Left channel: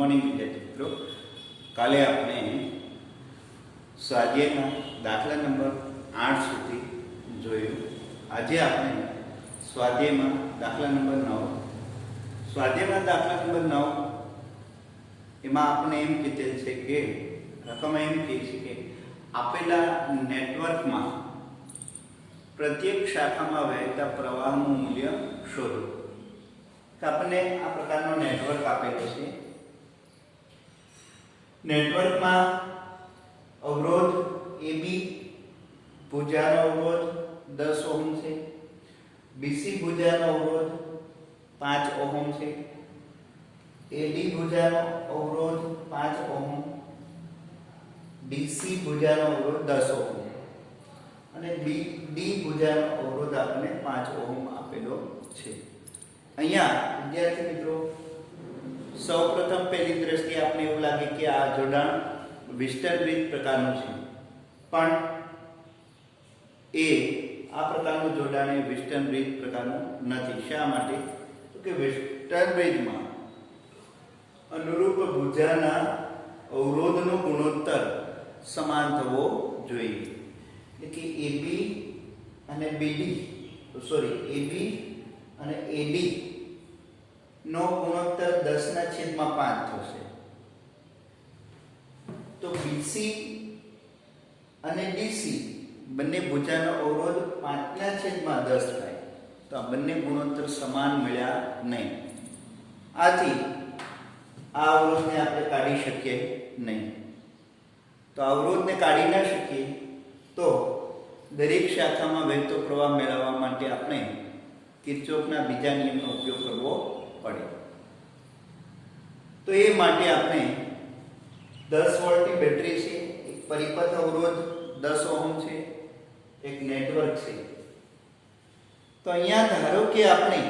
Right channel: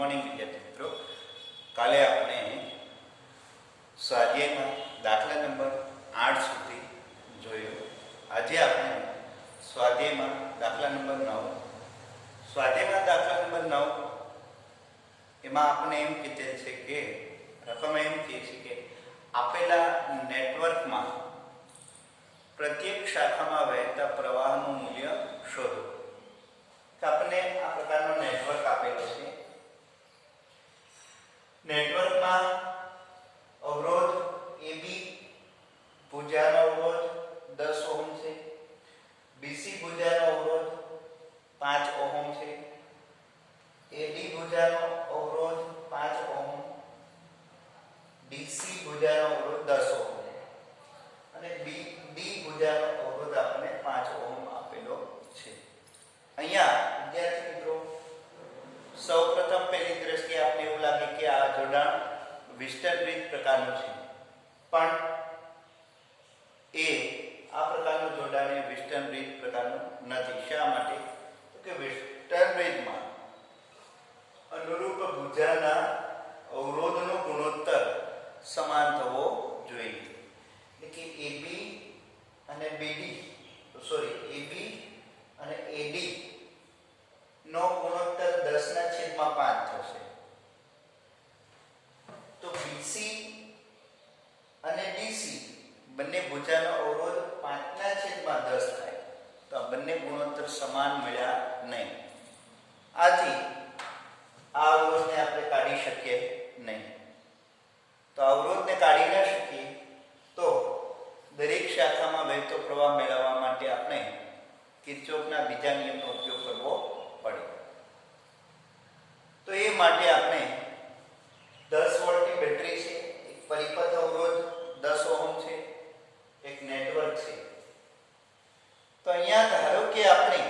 Morning વિદ્યાર્થી મિત્રો, કાલે આપણે સ્વાધ્યાયમાં દાખલા નંબર 8 સુધી જોયું. આજે આપણે સ્વાધ્યાયમાં દાખલા નંબર 9 સ્વાધ્યાયમાં દાખલા નંબર 9 એમાં આપણે એમ કીધે છે કે રકમ એમ કહે છે કે આપેલા નેટવર્કમાં પ્રત્યેક શાખામાં વહેતા પ્રવાહનું મૂલ્ય શોધો. તો આપણને આ પ્રકારનો નેટવર્ક આપેલો છે. નેટવર્કમાં અવરોધ AB ભુજાનો અવરોધ 10 ઓહમ છે, BC ભુજાનો અવરોધ 5 ઓહમ છે, AD ભુજાનો અવરોધ 5 ઓહમ, DC ભુજાનો અવરોધ 10 ઓહમ અને BD ભુજાનો અવરોધ આપણને 5 ઓહમ આપેલો છે. અહીંયા વિદ્યાર્થી મિત્રો, સૌપ્રથમ પહેલી દ્રષ્ટિએ આપણે એવું લાગે કે આ જોડાણ વિસ્ટર બ્રિજ પ્રકારનું છે, પણ આ પ્રકારનું જોડાણ એ વિસ્ટર્ન બ્રિજ પ્રકારનું નથી. શા માટે? તો કે વિસ્ટર્ન બ્રિજમાં અનુરૂપ ભુજાના અવરોધનો ગુણોત્તર સમાન થવો જોઈએ. એટલે કે AB અને AD નો ગુણોત્તર 10/5 થશે. તો BC અને DC બંને ભુજાનો અવરોધ 5/10 થાય. તો આ બંને ગુણોત્તર સમાન મળ્યા નહીં. આથી આ અવરોધને આપણે કાઢી શકીએ નહીં. તો અવરોધને કાઢી ન શકીએ તો દરેક શાખામાં વહેતો પ્રવાહ મેળવવા માટે આપણે કિર્ચોફના બીજા નિયમનો ઉપયોગ કરવો પડે. તો એ માટે આપણે 10 વોલ્ટની બેટરી છે, એક પરિપથ અવરોધ 10 ઓહમ છે, એક નેટવર્ક છે. તો અહીંયા ધારો કે આપણે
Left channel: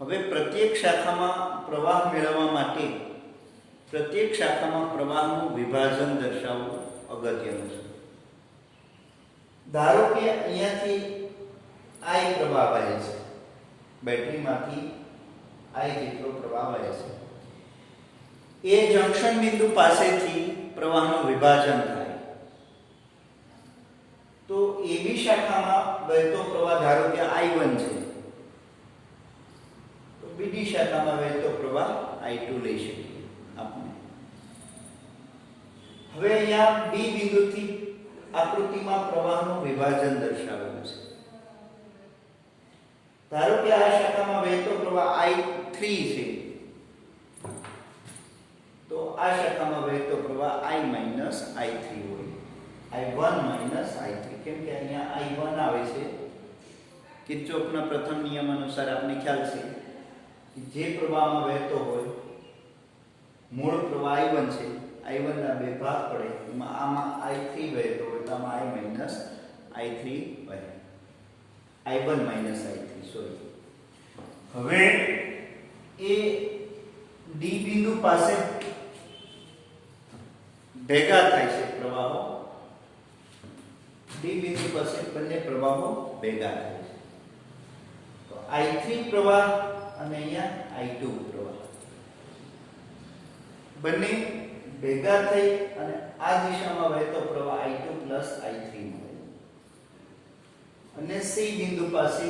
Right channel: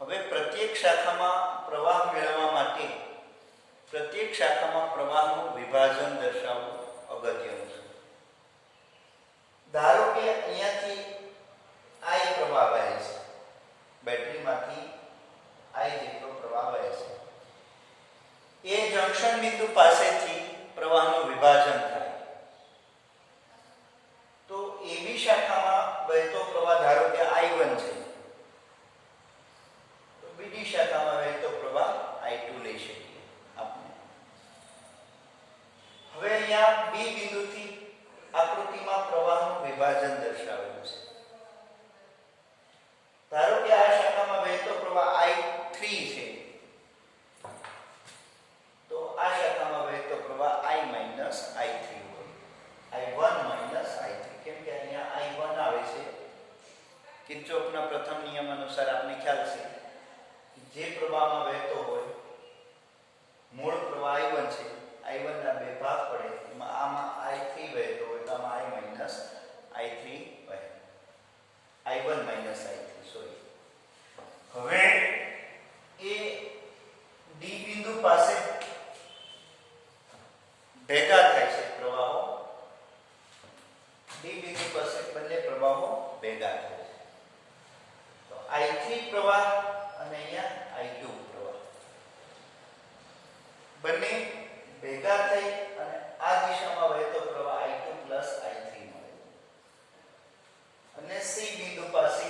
હવે પ્રત્યેક શાખામાં પ્રવાહ મેળવવા માટે પ્રત્યેક શાખામાં પ્રવાહનું વિભાજન દર્શાવવું અગત્યનું છે. ધારો કે અહીંયાથી I પ્રવાહ વહે છે, બેટરીમાંથી I જેટલો પ્રવાહ વહે છે. એ જંકશન બિંદુ પાસેથી પ્રવાહનું વિભાજન થાય. તો AB શાખામાં વહેતો પ્રવાહ ધારો કે I1 છે, તો BD શાખામાં વહેતો પ્રવાહ I2 લઈ શકીએ આપણે. હવે અહીંયા B બિંદુથી આકૃતિમાં પ્રવાહનું વિભાજન દર્શાવેલું છે. ધારો કે આ શાખામાં વહેતો પ્રવાહ I3 છે, તો આ શાખામાં વહેતો પ્રવાહ I-I3 હોય, I1-I3. કેમ કે અહીંયા I1 આવે છે. કિર્ચોફના પ્રથમ નિયમ અનુસાર આપણે ખ્યાલ છે કે જે પ્રવાહમાં વહેતો હોય, મૂળ પ્રવાહ I1 છે, I1 ના બે ભાગ પડે, એમાં આમાં I3 વહેતો હોય તો આમાં I-I3 વહે, I1-I3 સોરી. હવે એ D બિંદુ પાસે ભેગા થાય છે પ્રવાહો. D બિંદુ પાસે બંને પ્રવાહો ભેગા થાય છે. તો I3 પ્રવાહ અને અહીંયા I2 પ્રવાહ બંને ભેગા થઈ અને આ દિશામાં વહેતો પ્રવાહ I2 I3 મળે. અને C બિંદુ પાસે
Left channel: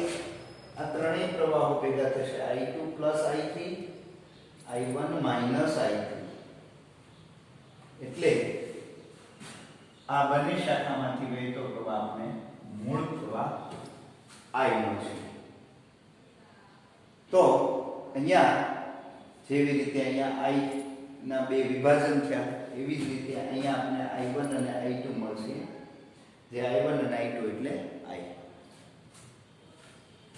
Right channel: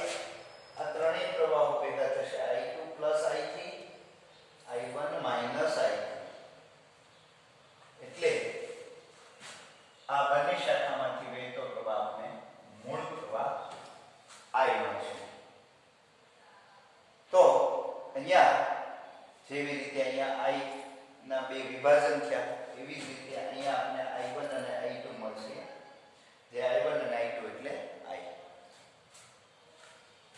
આ ત્રણેય પ્રવાહો ભેગા થશે, I2 I3, I1 I3. એટલે આ બંને શાખામાંથી વહેતો પ્રવાહ આપણે મૂળ પ્રવાહ I મળશે. તો અહીંયા જેવી રીતે અહીંયા I ના બે વિભાજન થયા, એવી જ રીતે અહીંયા આપણે I1 અને I2 મળશે, જે I1 અને I2 એટલે I.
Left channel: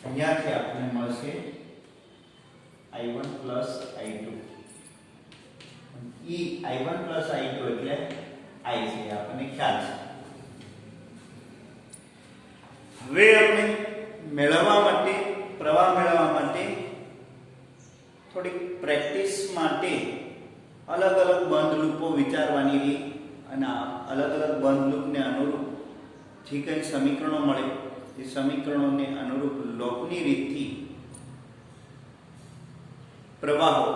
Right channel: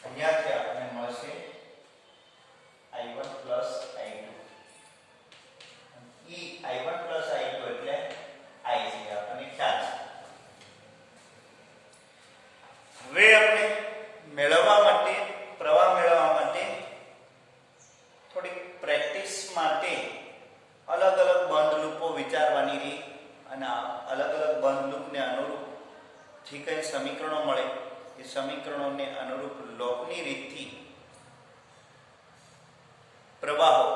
અહીંયાથી આપણે મળશે I1 I2. I1 I2 એટલે I છે, આપણને ખ્યાલ છે. હવે આપણે પ્રવાહ મેળવવા માટે થોડીક પ્રેક્ટિસ માટે અલગ અલગ બંધ લૂપો વિચારવાની રીત અને અલગ અલગ બંધ લૂપને અનુરૂપ જે કંઈ સમીકરણો મળે એ સમીકરણોને અનુરૂપ લોકની રીતથી પ્રવાહો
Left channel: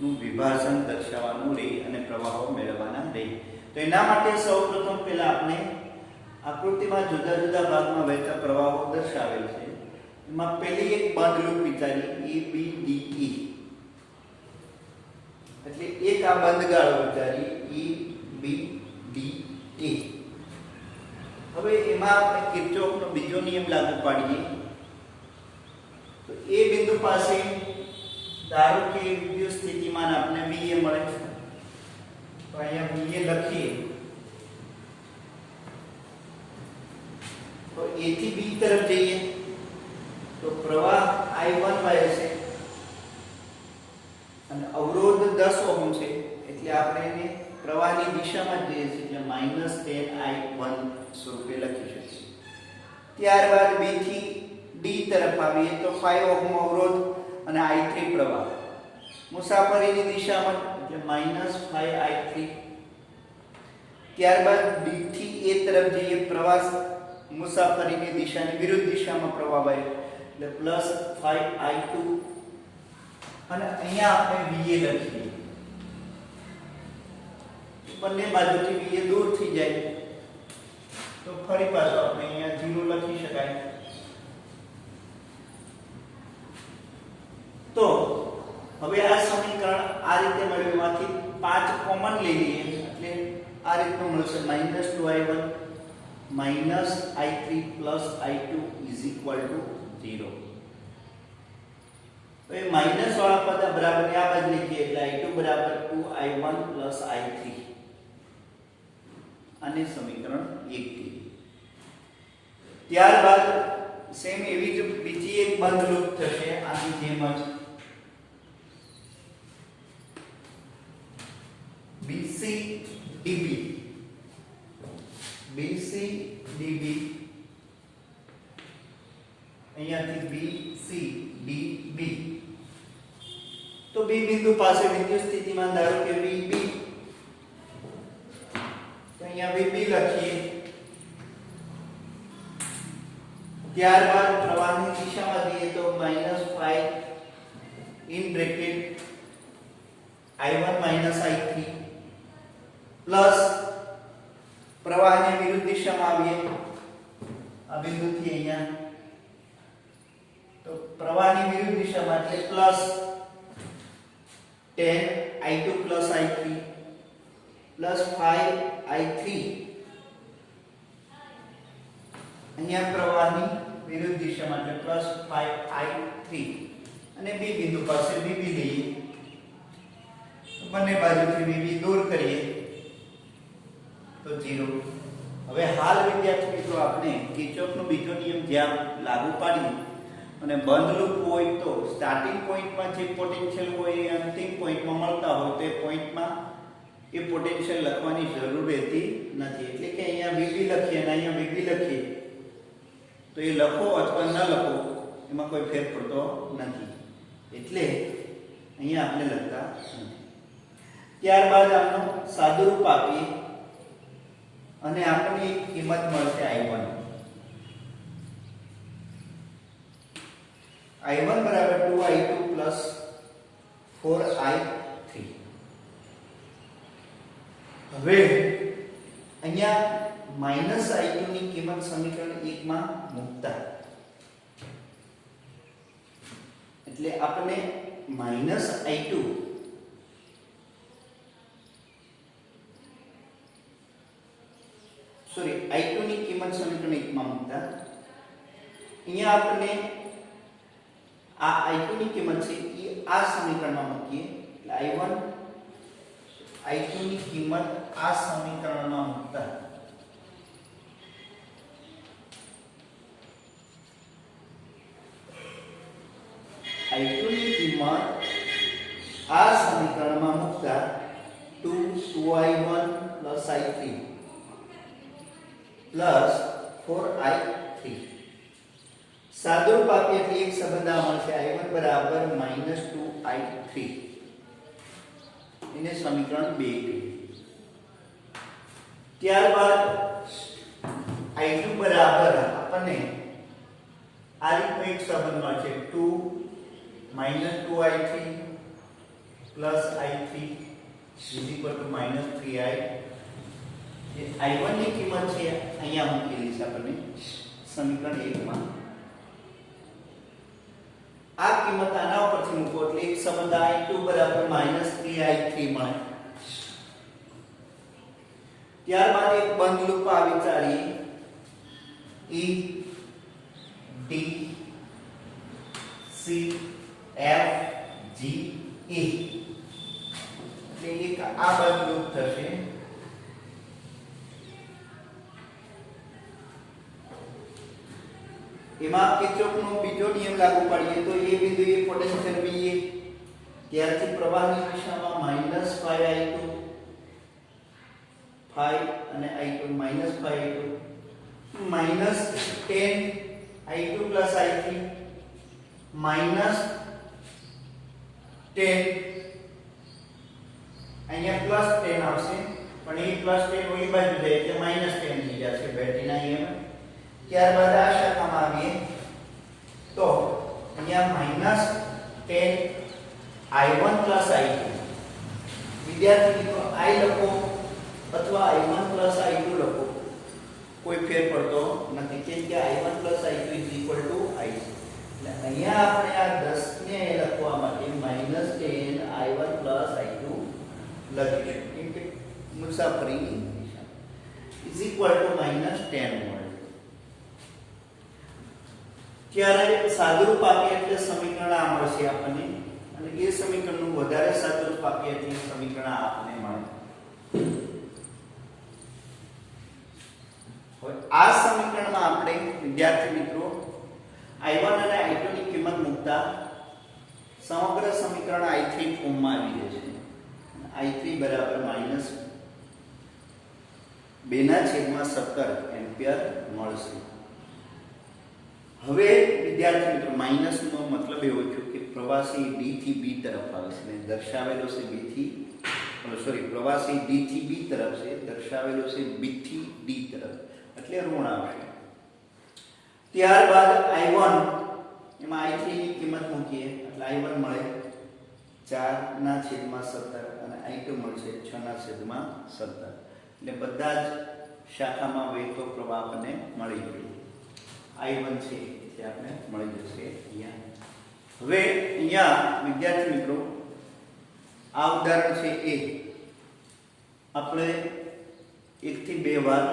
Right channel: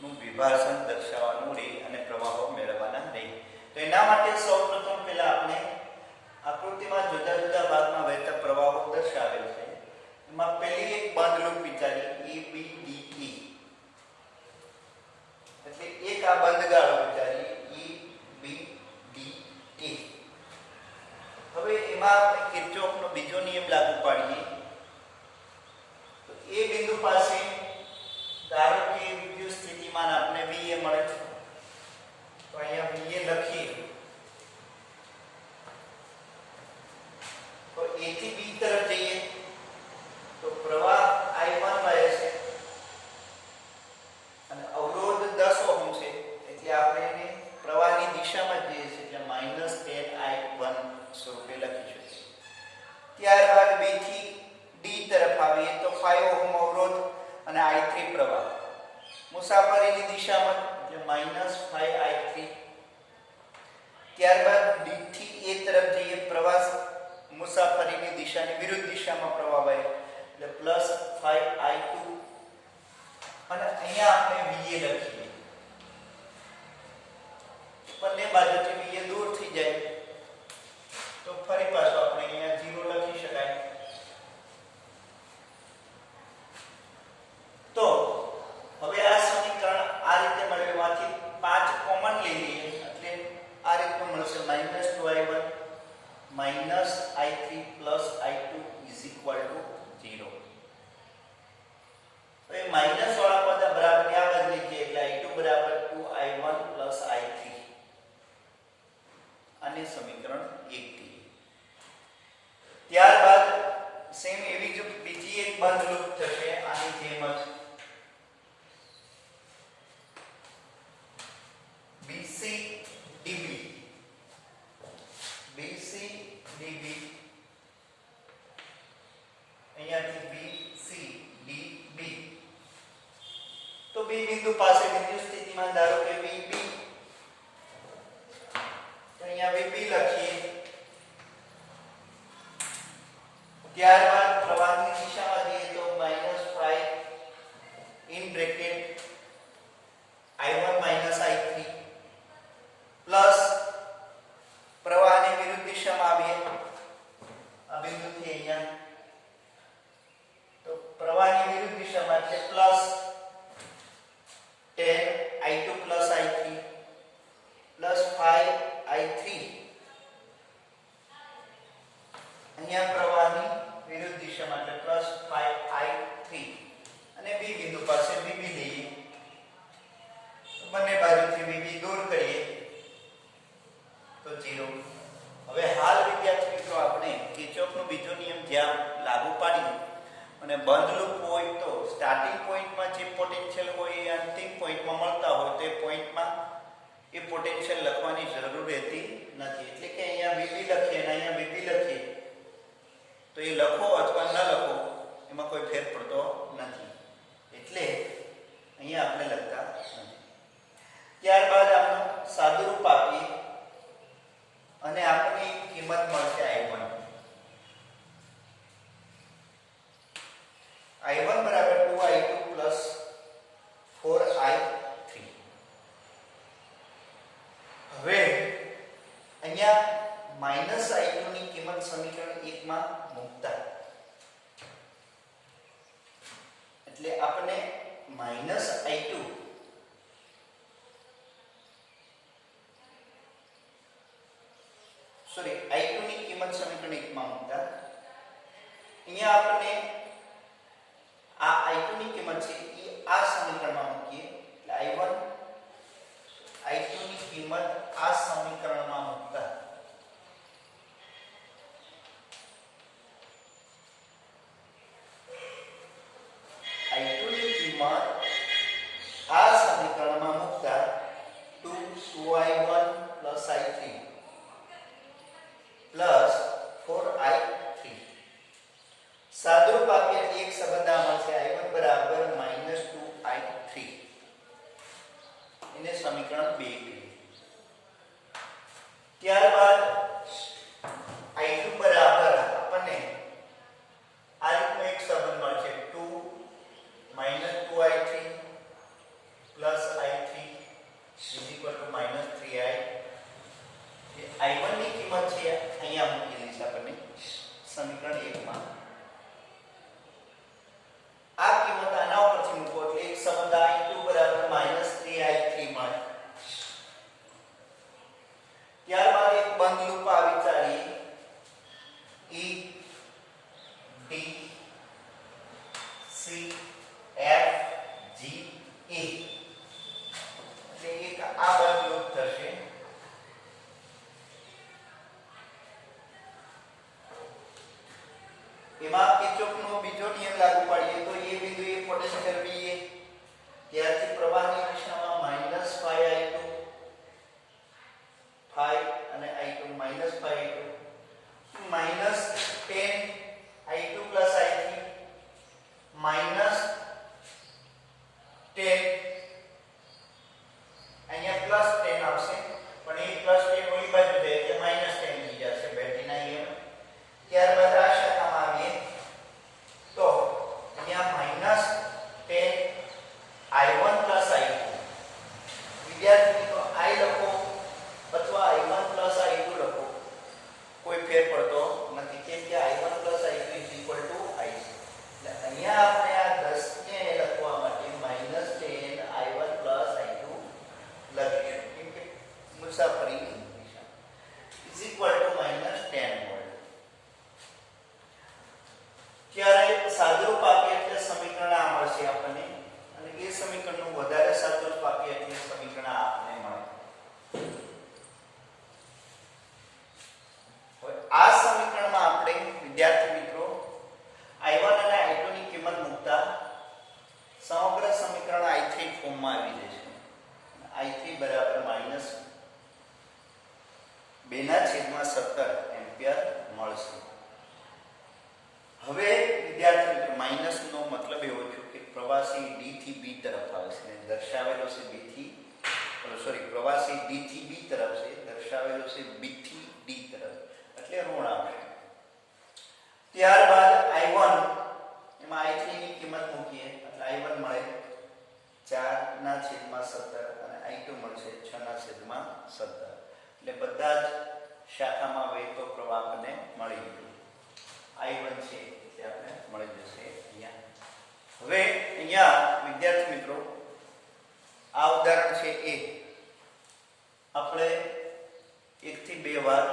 નું વિભાજન દર્શાવવાનું રહે અને પ્રવાહો મેળવવાના રહે. તો એના માટે સૌપ્રથમ પહેલા આપણે આકૃતિમાં જુદા જુદા ભાગમાં વહેતા પ્રવાહો દર્શાવેલ છે. એમાં પહેલી એક બંધ લૂપ વિચારી EBDE, એટલે એક આ બંધ ગાળો વિચારી EBDE. હવે એમાં આપણે કિર્ચોફનો બીજો નિયમ લાગુ પાડીએ. તો એ બિંદુ પાસે ધારો કે વિદ્યુત સ્થિતિમાન આપણે BA મળે છે. તો અહીંયા BA લખીએ તો A થી B તરફ જઈએ તો પ્રવાહ I1 મળે છે અને અવરોધ 10 ઓહમ છે, એટલે આપણે એને પ્રવાહની દિશામાં જઈએ છીએ એટલે -10I1 સ્વરૂપે લખી શકીએ. ત્યારબાદ B થી D તરફ આવીએ તો 5 ઓહમ અવરોધ અને I3 પ્રવાહ મુસાફરીની દિશામાં એટલે -5I3. ત્યારબાદ D થી A તરફ જઈએ, પ્રવાહ મુસાફરીની દિશાની વિરુદ્ધ દિશામાં પ્રવાહ વહે એટલે +5I2 અને અહીંયા આપણે VA લખીએ. બંને બાજુથી VA દૂર થઈ જાય તો ફરી પાછો આપણે અહીંયા 0 લખી શકાય. તો હવે આ સમીકરણ આ રીતે મળ્યુંમાંથી 5 કોમન લઈ લઈએ એટલે આ રીતનું મળશે -2I1 -I3 +I2 = 0. તો એ માઈનસ વાળા પદ બરાબર આ બાજુ લખીએ એટલે I2 = 2I1 +I3. આને સમીકરણ 1 થી. ત્યારબાદ સેમ એવી જ બીજી એક બંધ લૂપ થશે આની જેમ જ BCDB અહીંયાથી BCDB. તો B બિંદુ પાસે વિદ્યુત સ્થિતિમાન ધારો કે VB, તો અહીંયા VB લખીએ. ત્યારબાદ પ્રવાહની દિશામાં જઈએ તો -5 in bracket I1 I3 plus પ્રવાહની વિરુદ્ધ દિશામાં આવીએ આ બિંદુથી અહીંયા તો પ્રવાહની વિરુદ્ધ દિશામાં એટલે +10I2 +I3 +5I3. અહીંયા પ્રવાહની વિરુદ્ધ દિશામાં એટલે +5I3 અને B બિંદુ પાસે VB લઈએ તો બંને બાજુથી VB દૂર કરીએ તો 0. હવે હાલ વિદ્યાર્થી મિત્રો આપણે કિર્ચોફનો બીજો નિયમ જ્યાં લાગુ પાડીએ અને બંધ લૂપ હોય તો સ્ટાર્ટિંગ પોઈન્ટમાં જે પોટેન્શિયલ હોય એ અંતિમ પોઈન્ટમાં મળતા હોય તો એ પોઈન્ટમાં એ પોટેન્શિયલ લખવાની જરૂર રહેતી નથી. એટલે કે અહીંયા VB લખીએ અને અહીંયા VB લખીએ તો એ લખો અથવા ન લખો એમાં કોઈ ફેર પડતો નથી, એટલે અહીંયા આપણે લખતા નથી. ત્યારબાદ આપણે સાદુરૂપ આપીએ અને આપણને કિંમત મળશે I1. I1 બરાબર 2I2 +4I3. હવે અહીંયા -I2 ની કિંમત સમીકરણ 1 માં મૂકતા એટલે આપણે -I2 I2 ની કિંમત સમીકરણ 1 માં મૂકતા અહીંયા આપણે આ I2 ની કિંમત છે એ આ સમીકરણમાં મૂકીએ એટલે I2 ની કિંમત આ સમીકરણમાં મૂકતા I2 ની કિંમત આ સમીકરણમાં મૂકતા 2I1 +I3 +4I3 સાદુરૂપ આપીએ એટલે એક સંબંધ આ મળશે I1 બરાબર -2I3. એને સમીકરણ 2 કહીએ. ત્યારબાદ I2 બરાબર આપણને આ રીતનો એક સંબંધ મળશે 2 -2I3 plus I3 is equal to minus 3I. જે I1 ની કિંમત છે અહીંયા મૂકેલી છે આપણે સમીકરણ 1 માં. આ કિંમત આના ઉપરથી મૂકો એટલે એક સંબંધ I2 બરાબર -3I3 મળે. ત્યારબાદ એક બંધ લૂપ આ વિચારી E D C F G E એટલે એક આ બંધ લૂપ થશે. એમાં કિર્ચોફનો બીજો નિયમ લાગુ પાડીએ તો એ બિંદુએ પોટેન્શિયલ VA ત્યારથી પ્રવાહની દિશામાં -5I2 5 અને I2 -5I2 -10I2 + I3 -10 અહીંયા +10 આવશે પણ એ +10 ઓલી બાજુ જાય એટલે -10 થઈ જશે બેટરીના EMF. ત્યારબાદ આ શાખામાં આવીએ તો અહીંયા -10I1 + I2. વિદ્યાર્થી મિત્રો I લખો અથવા I1 + I2 લખો કોઈ ફેર પડતો નથી કેમ કે I1 + I2 = I છે. એટલે અહીંયા આપણે આ 10 ને લખવા માટે -10I1 + I2 લખીશું કેમ કે મુસાફરીની દિશા = -10 વોલ્ટ. ત્યારે સાદુરૂપ આપીએ એટલે સમીકરણ આ મળશે આપણને અને એ સમીકરણનું વધારે સાદુરૂપ આપીએ એટલે સમીકરણ આપણને મળે. હવે આ સમીકરણમાં આપણે વિદ્યાર્થી મિત્રો I1 અને I2 ની કિંમત મૂકતા સમગ્ર સમીકરણ I3 ફોર્મમાં આવી જશે. I3 બરાબર -2/17 એમ્પિયર મળશે. હવે વિદ્યાર્થી મિત્રો માઈનસ નો મતલબ એવો છે કે પ્રવાસી D થી B તરફ આવે છે અને દર્શાવેલો છે પ્રવાસી D થી B તરફ છે, દર્શાવેલો છે B થી D તરફ એટલે ઋણ આવશે. ત્યારબાદ I1 એમાં I3 ની કિંમત મૂકીએ એટલે I1 મળે 4/17 અને I2 મળશે 6/17 એટલે બધા જ શાખામાં વહેતો પ્રવાહ આપણને મળી ગયો. I1 છે એટલે આપણે મળી જશે અહીંયા. હવે અહીંયા વિદ્યાર્થી મિત્રો આ ઉદાહરણ છે એ આપણે 1 થી 2 વાર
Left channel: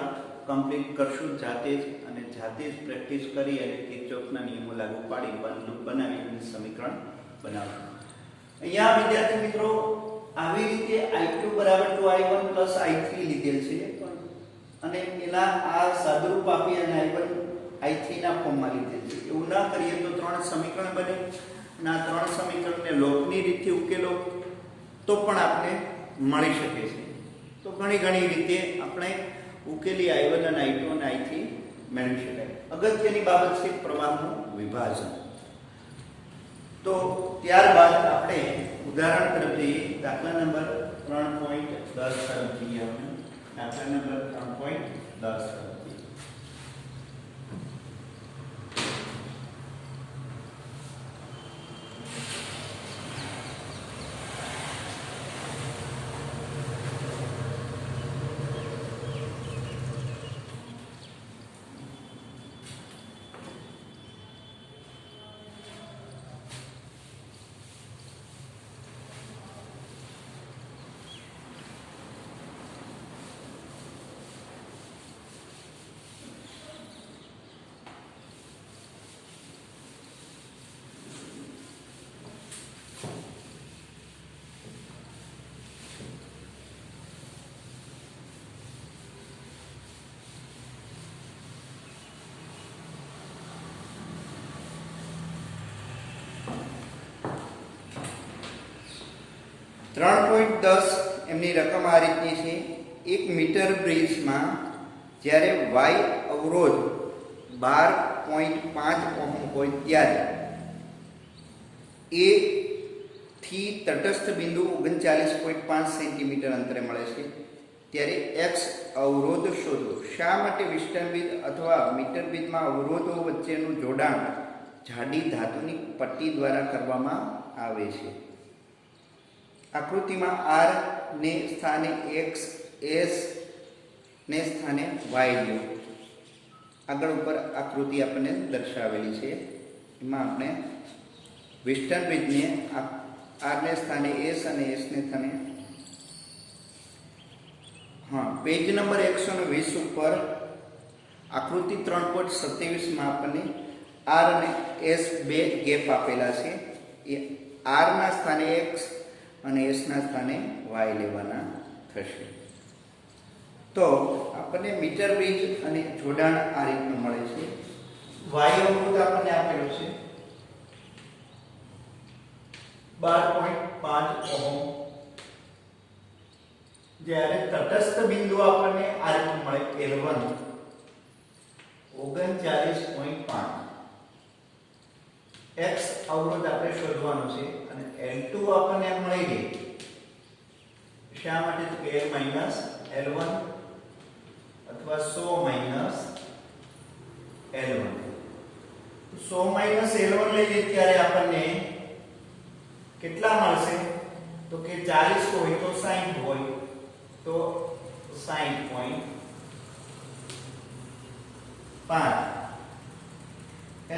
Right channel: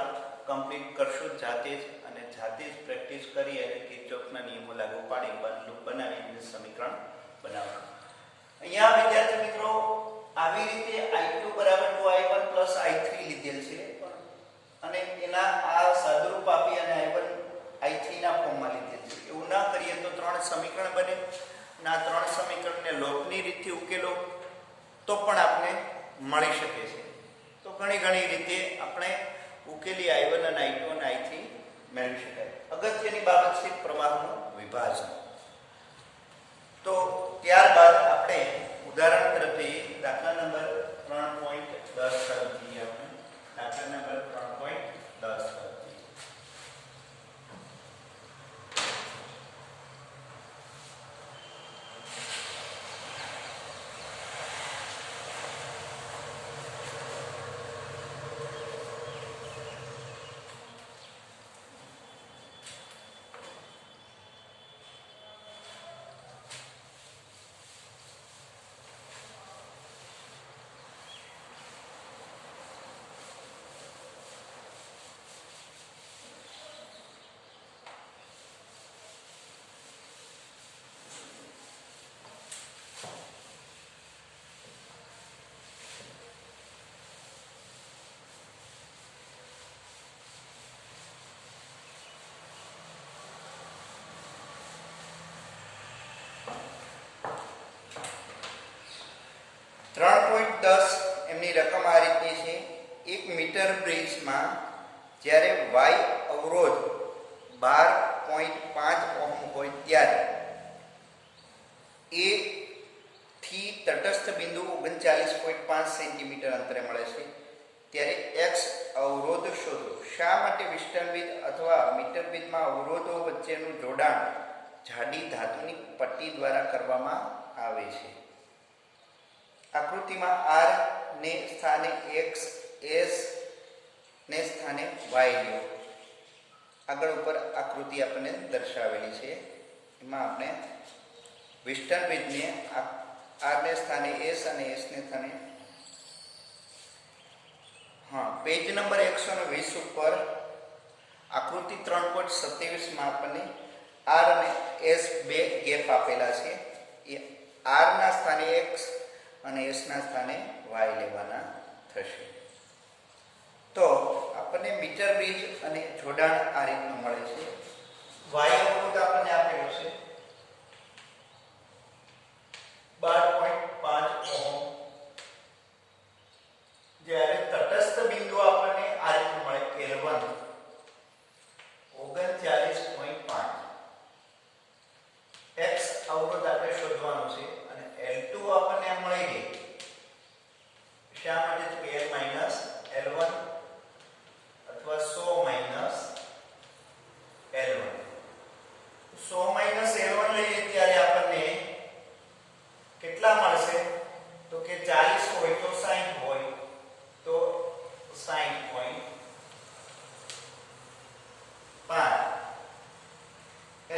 કમ્પ્લીટ કરશું જાતે જ અને જાતે જ પ્રેક્ટિસ કરી અને કિર્ચોફના નિયમો લાગુ પાડી બંધ લૂપ બનાવીને સમીકરણ બનાવશું. અહીંયા વિદ્યાર્થી મિત્રો આવી રીતે I2 = 2I1 + I3 લીધેલ છે અને એના આ સાદુરૂપ આપી અને I3 ના ફોર્મમાં લીધેલ છે. એવું ના કરીએ તો 3 સમીકરણ બને. ના 3 સમીકરણને લોટની રીતથી ઉકેલો તો પણ આપણે મળી શકે છે. તો ઘણી રીતે આપણે ઉકેલી I1 અને I2 અને I3 મેળવી શકાય. અગત્યની બાબત છે પ્રવાહનું વિભાજન. તો ત્યારબાદ આપણે ઉદાહરણ તરફ જઈએ. દાખલા નંબર 3.10 તરફ જઈએ આપણે. દાખલા નંબર 3.10 તરફ. 3.10 એમની રકમ આ રીતની છે. 1 મીટર બ્રિજમાં જ્યારે y અવરોધ 12.5 ઓહ્મ હોય ત્યારે એ થી તટસ્થ બિંદુ 39.5 સેન્ટીમીટર અંતરે મળે છે ત્યારે x અવરોધ શોધો. શા માટે વિસ્તરણવિદ અથવા મીટરવિદમાં અવરોધો વચ્ચેનું જોડાણ જાડી ધાતુની પટ્ટી દ્વારા કરવામાં આવે છે? આકૃતિમાં r ને સ્થાને x, s ને સ્થાને y લ્યો. આગળ ઉપર આકૃતિ આપણને દર્શાવેલી છે. એમાં આપણે વેસ્ટર્ન બ્રિજને r ને સ્થાને s અને s ને સ્થાને પેજ નંબર 120 ઉપર આકૃતિ 3.27 માં આપણને r અને s બે ગેપ આપેલા છે. એ r ના સ્થાને x અને s ના સ્થાને y લેવાના થશે. તો આપણને મીટર બ્રિજ અને જોડાણ આ રીતનું મળે છે. y અવરોધ આપણને આપેલો છે 12.5 ઓહમ, જ્યારે તટસ્થ બિંદુ આપણને આ રીતનું મળે L1 39.5. x અવરોધ આપણે શોધવાનો છે અને L2 આપણને મળી ગઈ. શા માટે? L માઈનસ L1 અથવા 100 માઈનસ L1. 100 માઈનસ L1 લઈએ ત્યારે આપણને કેટલા મળશે? તો કે 40 હોય તો 60 હોય તો 60.5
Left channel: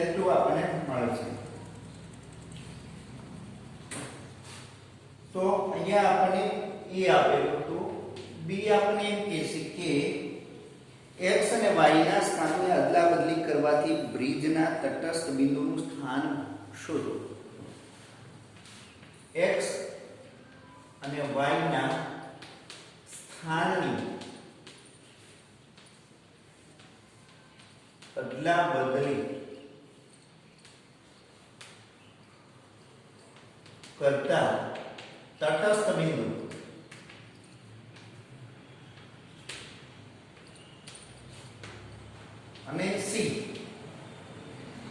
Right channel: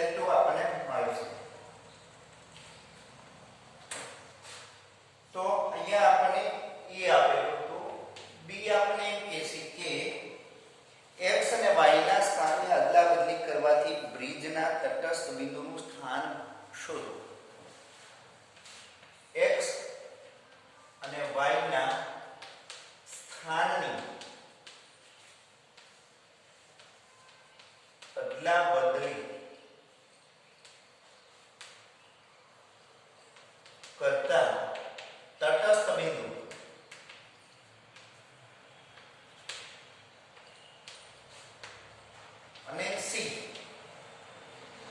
L2 આપણને મળે છે. તો અહીંયા આપણને એ આપેલું હતું. બી આપણે એમ કહેશે કે x અને y ના સ્થાનને અદલાબદલી કરવાથી બ્રિજના તટસ્થ બિંદુનું સ્થાન શોધો. x અને y ના સ્થાનની અદલાબદલી કરતા તટસ્થ બિંદુ અને સી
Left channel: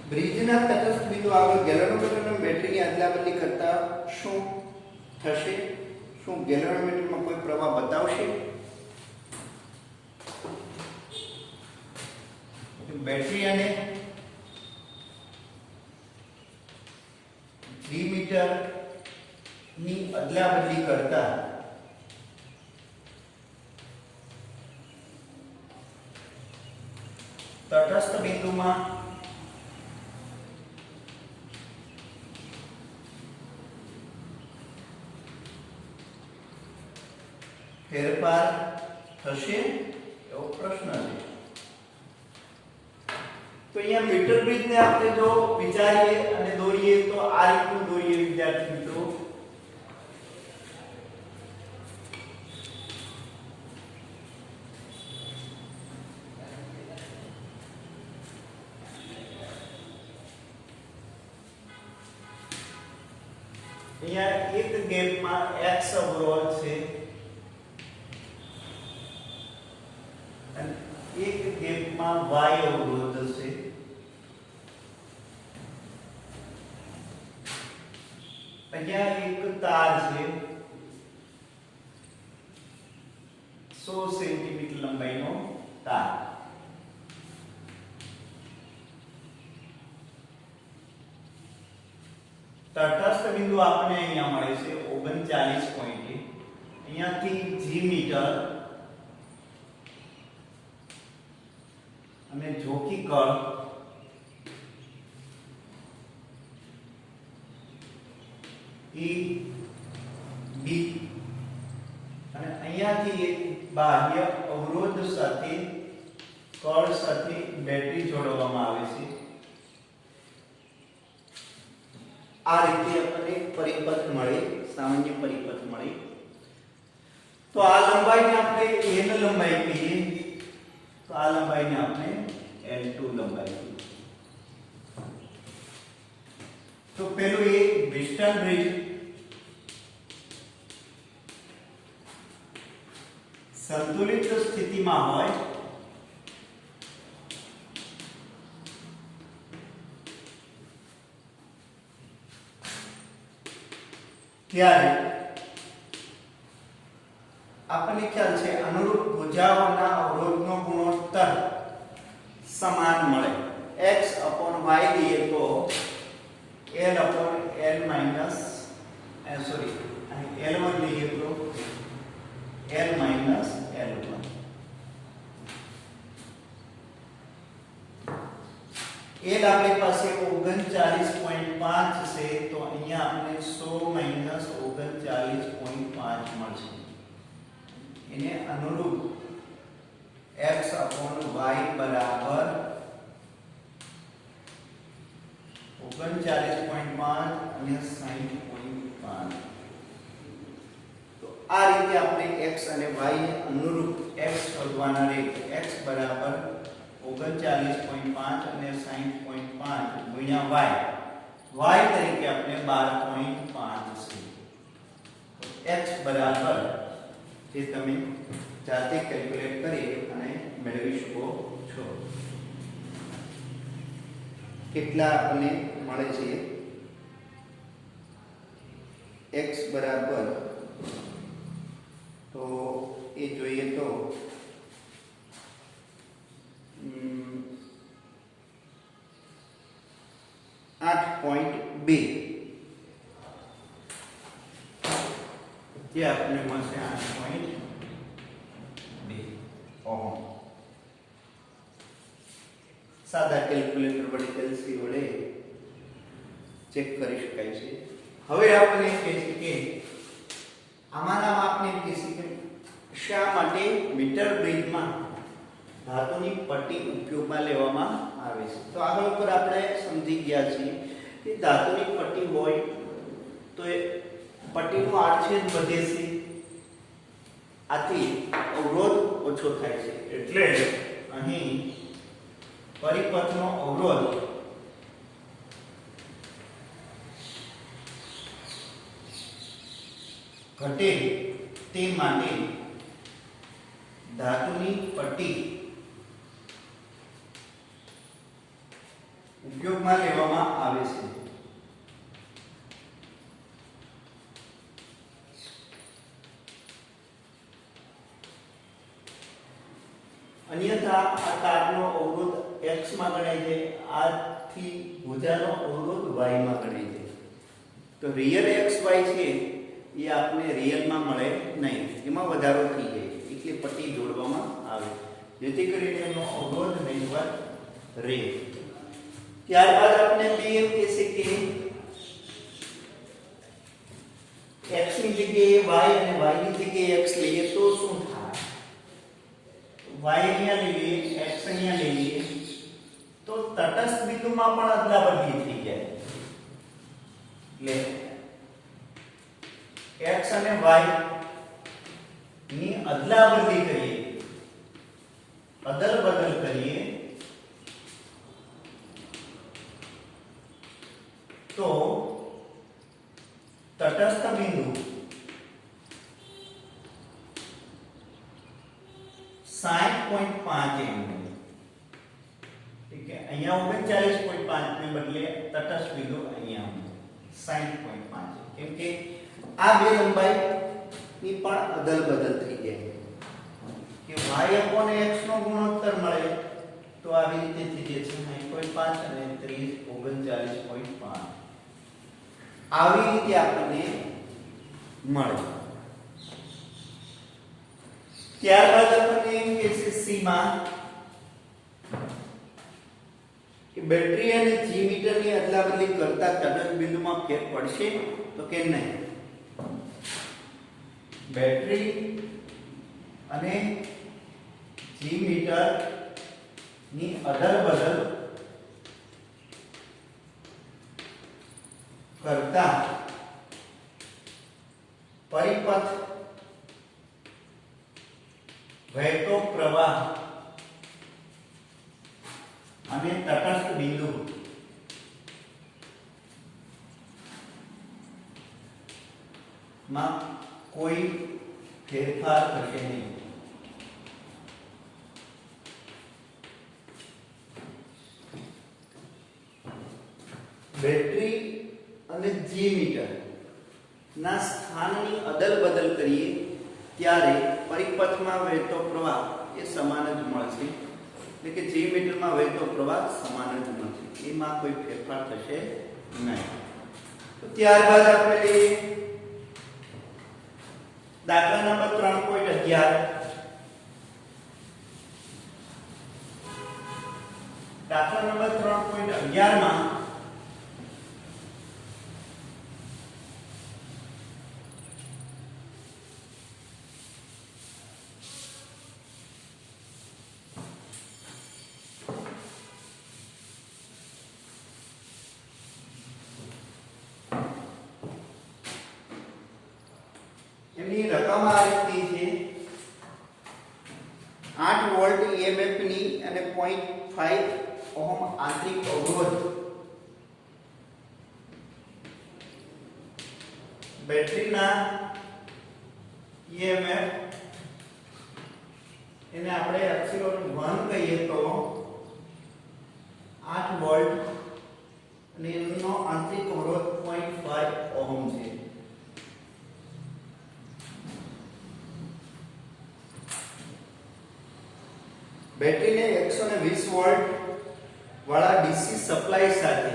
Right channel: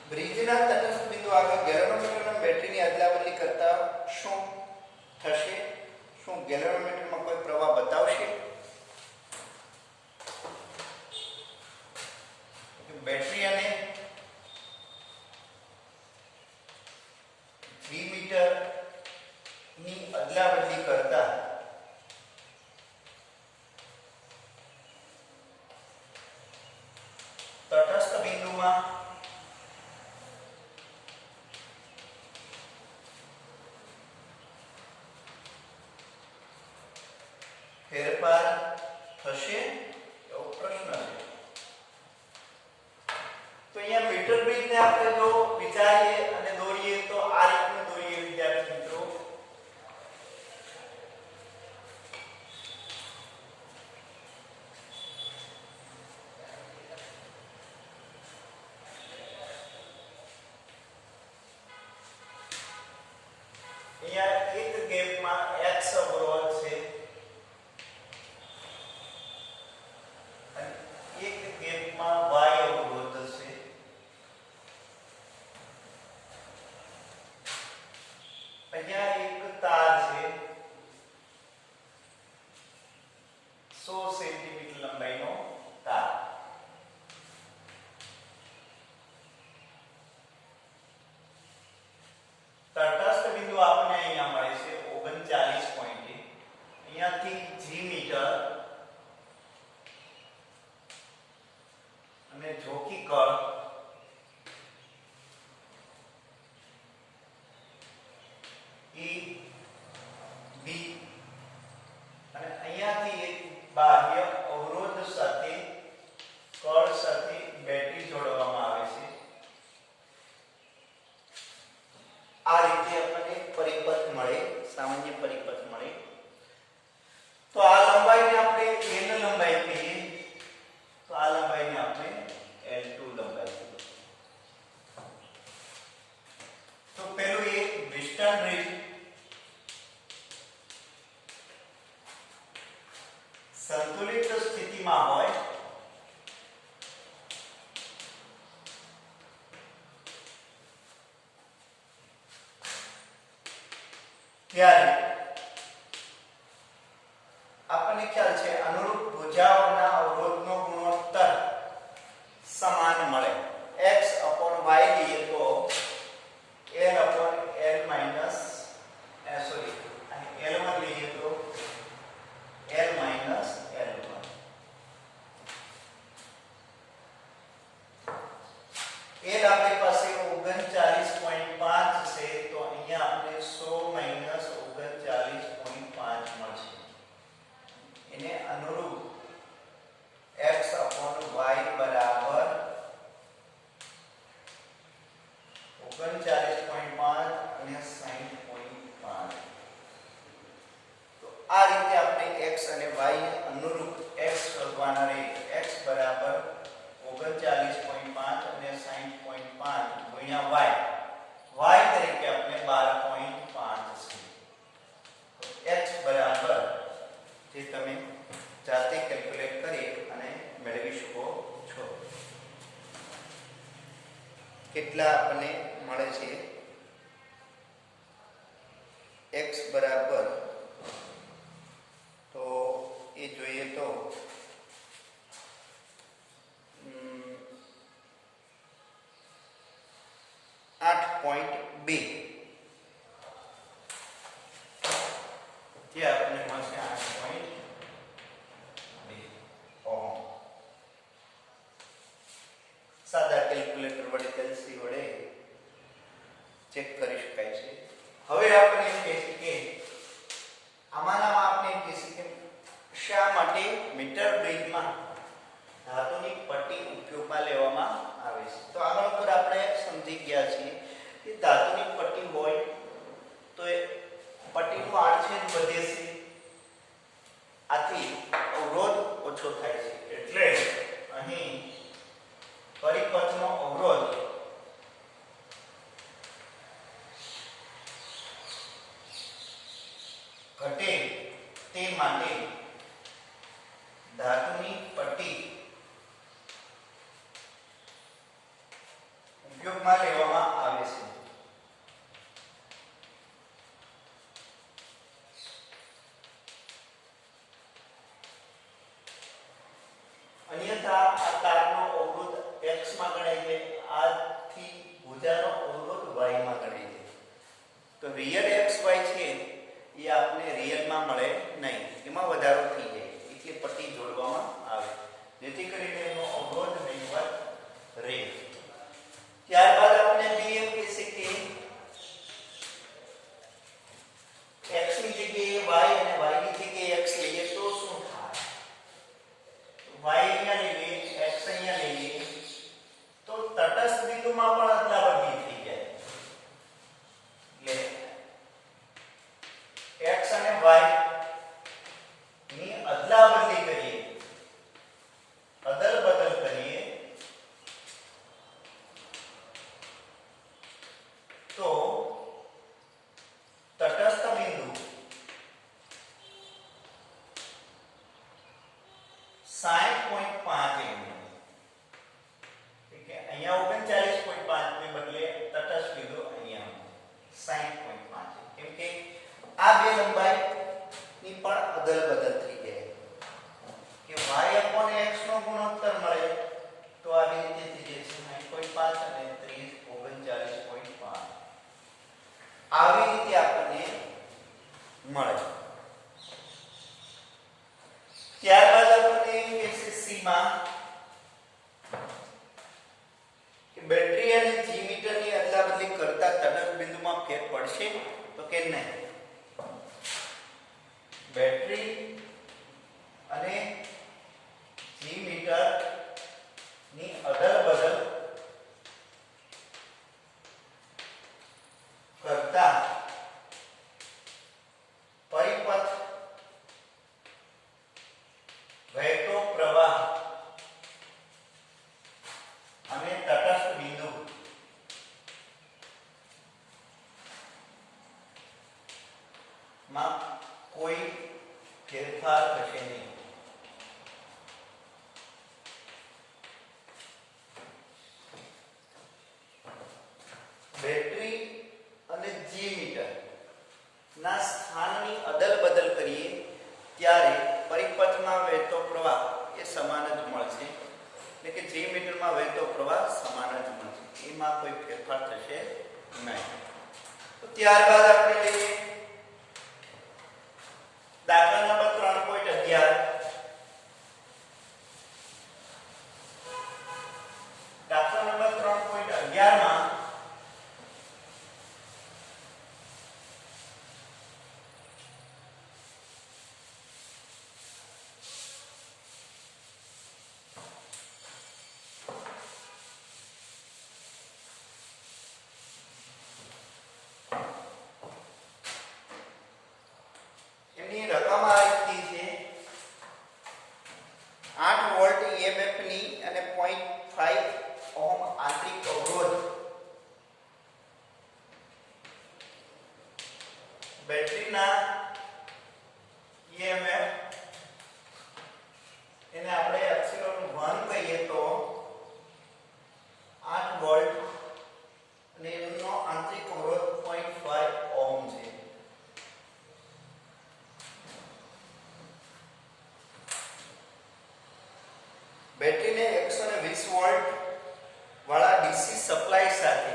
બ્રિજના તટસ્થ બિંદુ આગળ ગેલ્વેનોમીટર અને બેટરીની અદલાબદલી કરતા શું થશે? શું ગેલ્વેનોમીટરમાં કોઈ પ્રવાહ બતાવશે? બેટરી અને G મીટર ની અદલાબદલી કરતા તટસ્થ બિંદુમાં ફેરફાર થશે એવો પ્રશ્ન છે. તો અહીંયા મીટર બ્રિજને આપણે જો વિચારીએ અને દોરીએ તો આ રીતનું દોરીએ વિદ્યાર્થી મિત્રો. અહીંયા એક ગેપમાં x અવરોધ છે અને એક ગેપમાં y અવરોધ છે. અહીંયા એક તાર છે 100 સેન્ટીમીટર લંબાઈનો તાર. તટસ્થ બિંદુ આપણને અહીંયા મળે છે 39 પોઈન્ટ. અહીંયાથી G મીટર અને જોકી કળ E B અને અહીંયાથી એક બાહ્ય અવરોધ સાથે કળ સાથે બેટરી જોડવામાં આવે છે. આ રીતે આપણને પરિપથ મળે, સામાન્ય પરિપથ મળે. તો આ લંબાઈને આપણે n લંબાઈ કહીએ, તો આ લંબાઈને આપણે L2 લંબાઈ કહીએ. તો પેલું એ વેસ્ટર્ન બ્રિજ સંતુલિત સ્થિતિમાં હોય ત્યારે આપણને ખ્યાલ છે અનુરૂપ ભુજાઓના અવરોધનો ગુણોત્તર સમાન મળે. x/y લઈએ તો l/l - અહીં L1 L આપણી પાસે 39.5 છે તો અહીંયા આપણે 100 39.5 મળશે. એને અનુરૂપ x upon y બરાબર 39.5 અને 60.5. તો આ રીતે આપણે x અને y ને અનુરૂપ x શોધવાના રહે. x બરાબર 39.5 અને 60.5 ગુણ્યા y તરીકે આપણે 12.5 છે. તો x બરાબર જે તમે જાતે કેલ્ક્યુલેટ કરી અને મેળવી શકો છો. કેટલા આપણને મળે છે? x બરાબર તો એ જોઈએ તો 8.2 જે આપણને મળશે 8.2 ઓહમ. સાદા કેલ્ક્યુલેટર વડે કેલ્સી વડે ચેક કરી શકાય છે. હવે આપણે કહીએ કે આમાંના માપને કહીએ કે શા માટે મીટર ગ્રીડમાં ધાતુની પટ્ટી ઉપયોગમાં લેવામાં આવે છે. તો આગળ ઉપર આપણે સમજી ગયા છીએ કે ધાતુની પટ્ટી હોય તો એ પટ્ટીનો આડછેદ વધે છે, આથી અવરોધ ઓછો થાય છે. એટલે અહીં પરિપથનો અવરોધ ઘટે તે માટે ધાતુની પટ્ટી ઉપયોગમાં લેવામાં આવે છે. અન્યથા આ તારનો અવરોધ x માં ગણાય છે, આથી ભુજાનો અવરોધ y માં ગણાય છે. તો રિયલ x y છે એ આપને રિયલમાં મળે નહીં, એમાં વધારો થઈ જાય એટલે પટ્ટી જોડવામાં આવે જેથી કરીને એનો અવરોધ નહીવત રહે. ત્યારબાદ આપણે બી એમ કહીએ કે x ની જગ્યાએ y અને y ની જગ્યાએ x લઈએ તો શું થાય? y અહીંયા લઈએ, x અહીંયા લઈએ તો તટસ્થ બિંદુમાં પણ અદલાબદલી થઈ જાય. એટલે x અને y ની અદલાબદલી કરીએ, અદલ બદલ કરીએ તો તટસ્થ બિંદુ 60.5 mm, ઠીક છે. અહીંયા 39.5 ને બદલે તટસ્થ બિંદુ અહીંયા 60.5 કેમ કે આ બે લંબાઈ ની પણ અદલ બદલ થઈ જાય કે y upon x નો ગુણોત્તર મળે તો આવી રીતે થઈ જશે 60.5 અને 39.5 આવી રીતે આપણને મળે. ત્યારબાદ આપણને એમ કે છે સી માં કે બેટરી અને જી મીટરની અદલાબદલી કરતા તટસ્થ બિંદુમાં ફેર પડશે તો કે નહીં. બેટરી અને જી મીટર ની અદલ બદલ કરતા પરિપથ વહેતો પ્રવાહ અને તટસ્થ બિંદુ માં કોઈ ફેરફાર થશે નહીં. બેટરી અને જી મીટર ના સ્થાનની અદલ બદલ કરીએ ત્યારે પરિપથમાં વહેતો પ્રવાહ એ સમાન જ મળશે, એટલે કે જી મીટરમાં વહેતો પ્રવાહ સમાન જ મળશે, એમાં કોઈ ફેરફાર થશે નહીં. તો ત્યારબાદ આપણે લઈએ દાખલા નંબર 3.11. દાખલા નંબર 3.11 માં એની રકમ આ રીતની છે 8 વોલ્ટ EMF ની અને 0.5 ઓહમ આંતરિક અવરોધ બેટરીના EMF એને આપણે એપ્સિલોન 1 કહીએ તો 8 વોલ્ટ અને એનો આંતરિક અવરોધ 0.5 ઓહમ છે. બેટરીને 120 વોલ્ટ વાળા ડીસી સપ્લાય સાથે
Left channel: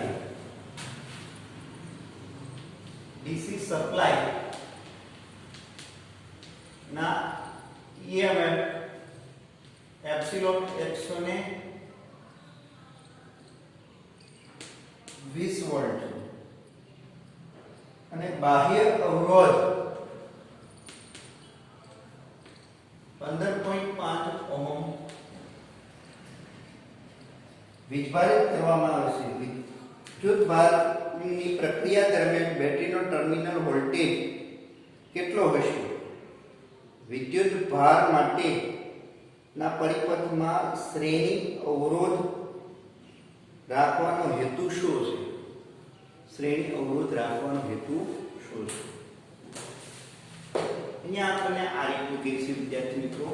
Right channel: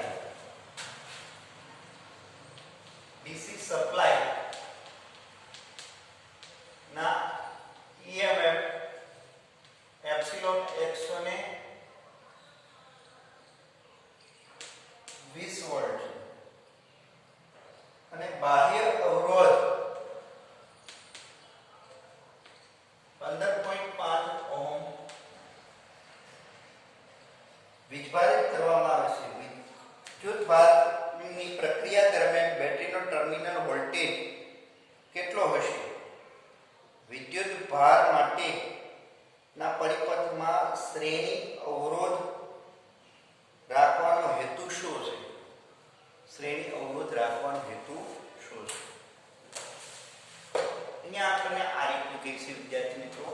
ડીસી સપ્લાય ના EMF એપ્સિલોન 120 વોલ્ટ અને બાહ્ય અવરોધ 15.5 ઓહમ વીજભારિત કરવામાં આવે છે. વિદ્યુત ભારની પ્રક્રિયા દરમિયાન બેટરીનો ટર્મિનલ વોલ્ટેજ કેટલો હશે? વિદ્યુત ભાર માટેના પરિપથમાં શ્રેણી અવરોધ રાખવાનો હેતુ શું છે? શ્રેણી અવરોધ રાખવાનો હેતુ શું છે? અહીંયા આપણને આ રીતનું કહીશું વિદ્યાર્થી મિત્રો.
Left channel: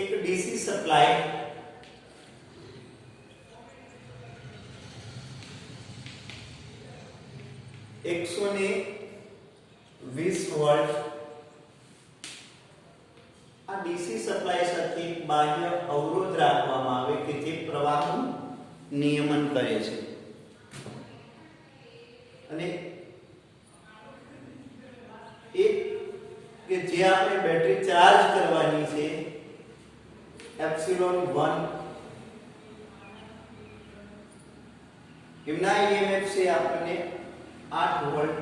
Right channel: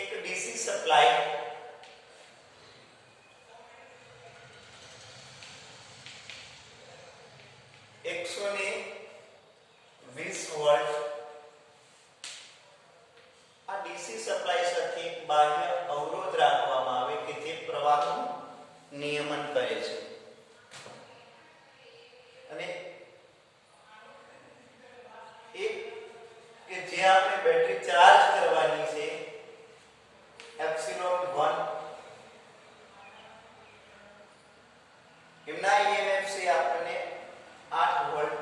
एक डीसी सप्लाई 120 વોલ્ટ આ ડીસી સપ્લાય સાથે બાહ્ય અવરોધ રાખવામાં આવે કે જે પ્રવાહનું નિયમન કરે છે અને એક કે જે આપણે બેટરી ચાર્જ કરવાની છે એપ્સિલોન 1 એમના EMF છે આપણને 8 વોલ્ટ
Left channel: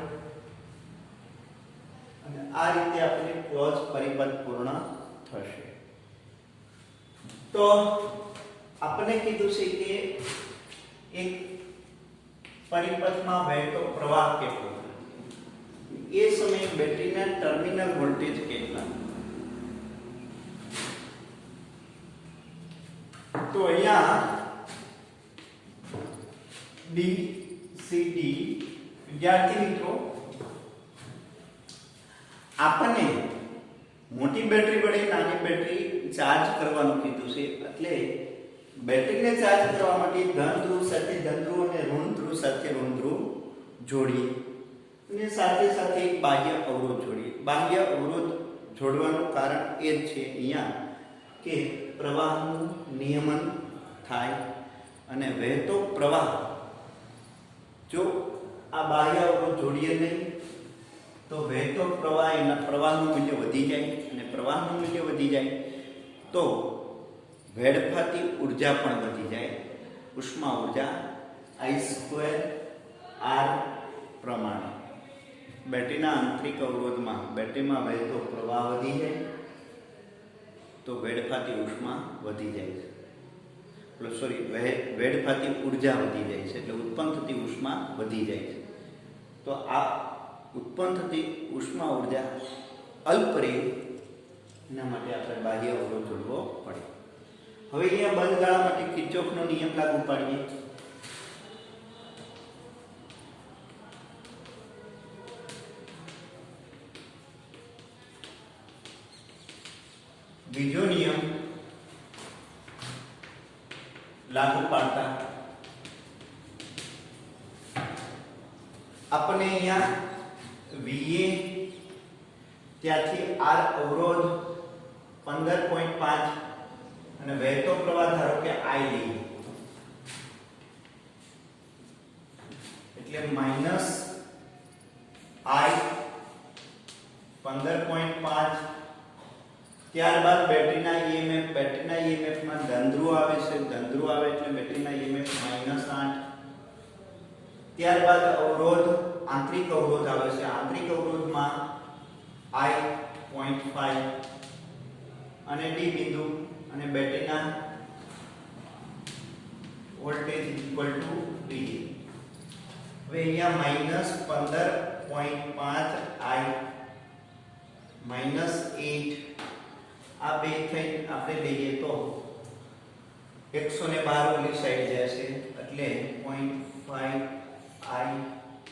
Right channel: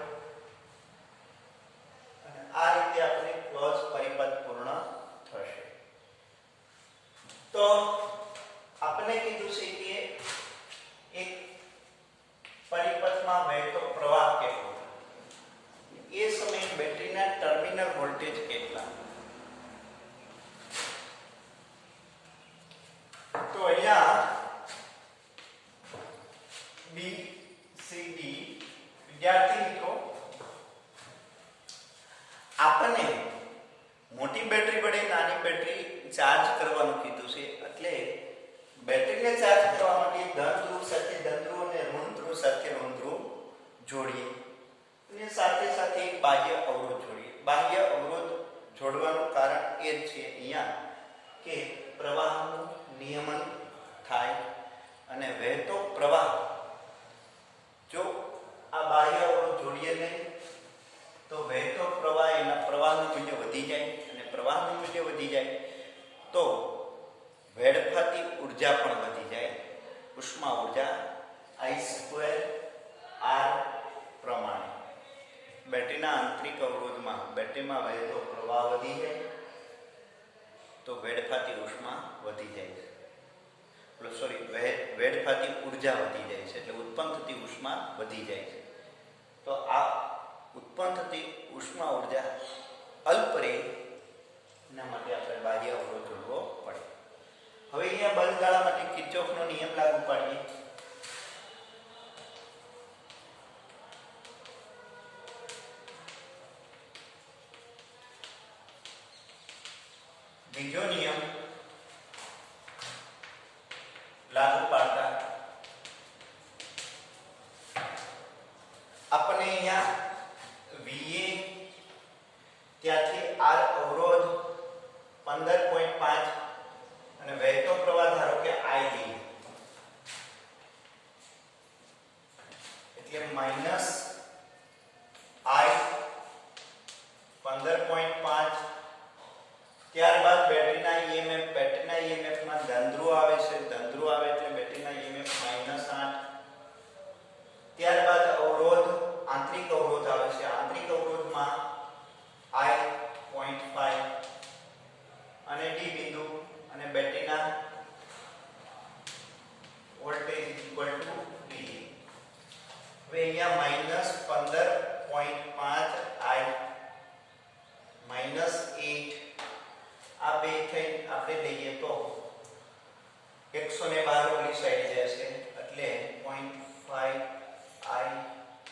અને આ રીતે આપણે ક્લોઝ પરિપથ પૂર્ણ થશે. તો આપણે કીધું છે કે એક પરિપથમાં વહેતો પ્રવાહ કેટલો, એ સમયે બેટરીના ટર્મિનલ વોલ્ટેજ કેટલા. તો અહીંયા BCD વિદ્યાર્થી મિત્રો આપણને મોટી બેટરી વડે નાની બેટરી ચાર્જ કરવાનું કીધું છે. એટલે બેટરીને ચાર્જ કરવા માટે ધન ધ્રુવ સાથે ધન ધ્રુવ અને ઋણ ધ્રુવ સાથે ઋણ ધ્રુવ જોડીએ અને સાથે સાથે એક બાહ્ય અવરોધ જોડીએ. બાહ્ય અવરોધ જોડવાનું કારણ એ જ છે અહીંયા કે પ્રવાહનું નિયમન થાય અને વહેતો પ્રવાહ જો આ બાહ્ય અવરોધ જોડીએ નહીં તો વહેતો પ્રવાહ એના પ્રવાહનું મૂલ્ય વધી જાય અને પ્રવાહનું મૂલ્ય વધી જાય તો વેડફાતી ઉર્જા પણ વધી જાય. ઉષ્મા ઉર્જા I²R પ્રમાણે બેટરીના આંતરિક અવરોધમાં બેટરીમાં વહેતો પ્રવાહ વધી જાય તો વેડફાતી ઉષ્મા વધી જાય છે. વેડફાતી ઉર્જા વધી જાય છે એટલે ઉત્પન્ન થતી ઉષ્મા વધી જાય છે. તો આ ઉત્પન્ન થતી ઉષ્મા ઉર્જા અલ્પ રહે એના માટે આપણે બાહ્ય અવરોધ જોડવો પડે. હવે અહીંયા બંધ ગાળા માટે કિર્ચોફનો નિયમ લાગુ પાડીએ. બીજો નિયમ લાગુ પાડતા આપણને અહીંયા VA ત્યાંથી R અવરોધ 15.5 અને વહેતો પ્રવાહ ધારો કે I લઈએ એટલે માઇનસ I 15.5. ત્યારબાદ બેટરીના EMF માં ધન આવે છે, ધન આવે એટલે બેટરીના EMF -8. ત્યારબાદ અવરોધ, આંતરિક અવરોધ આવે છે, આંતરિક અવરોધમાં I 0.5 અને D બિંદુ અને બેટરીના વોલ્ટેજ ઇક્વલ ટુ V. હવે અહીંયા -15.5 I -8 આ બે થઈ આપણે લઈએ તો 112 ઓલી સાઈડ જશે એટલે 0.5 I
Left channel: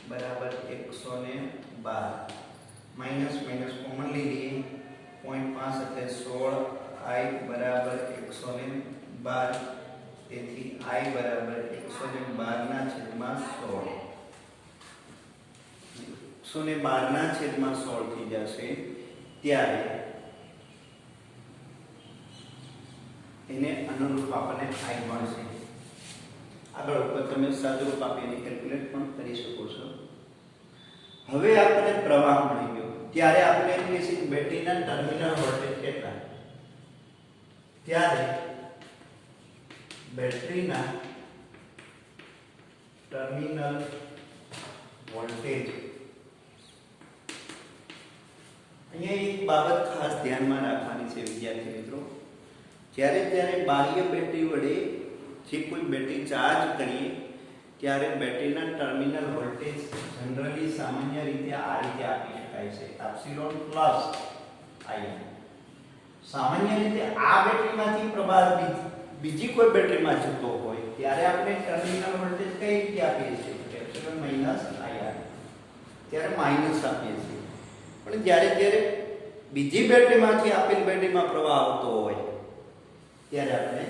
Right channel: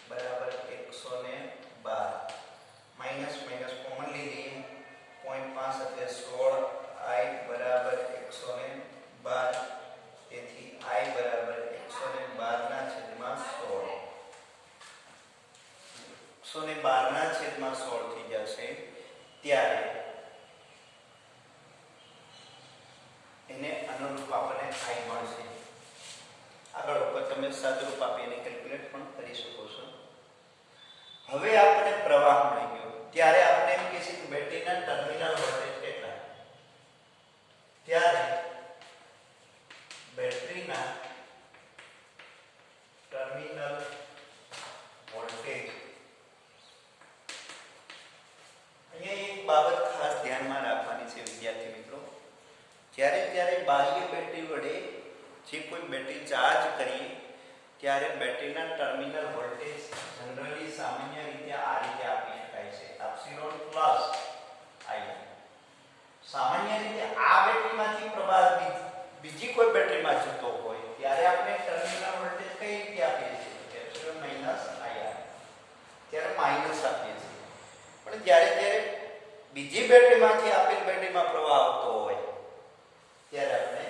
બરાબર 112 માઈનસ કોમન લઈએ 0.5 એટલે 16 I બરાબર 112 તેથી I બરાબર 112 ના છેદમાં 16 112 ના છેદમાં 16 થઈ જશે. ત્યારે એને અનુરૂપ આપણને I મળશે. આગળ ઉપર તમે સાદુરૂપ આપીને કેલ્ક્યુલેટ પણ કરી શકો છો. હવે આપણે પ્રવાહ મળી ગયો. ત્યારે આપણે એમ કહીશું કે બેટરીના ટર્મિનલ વોલ્ટેજ કેટલા. ત્યારે બેટરીના ટર્મિનલ વોલ્ટેજ, અહીંયા એક બાબત ખાસ ધ્યાનમાં રાખવાની છે વિદ્યાર્થી મિત્રો. જ્યારે બાહ્ય બેટરી વડે જે કોઈ બેટરી ચાર્જ કરીએ ત્યારે બેટરીના ટર્મિનલ વોલ્ટેજ જનરલી સામાન્ય રીતે આ રીતે આપી શકાય છે, એપ્સિલોન પ્લસ I. સામાન્ય રીતે આ બેટરીમાંથી પ્રવાહ બીજી કોઈ બેટરીમાં જતો હોય ત્યારે આપણે ટર્મિનલ વોલ્ટેજ કઈ રીતે આપીએ છીએ, એપ્સિલોન માઈનસ IR. ત્યારે માઈનસ આપીએ છીએ. પણ જ્યારે બીજી બેટરીમાંથી આપેલ બેટરીમાં પ્રવાહ આવતો હોય ત્યારે આપણે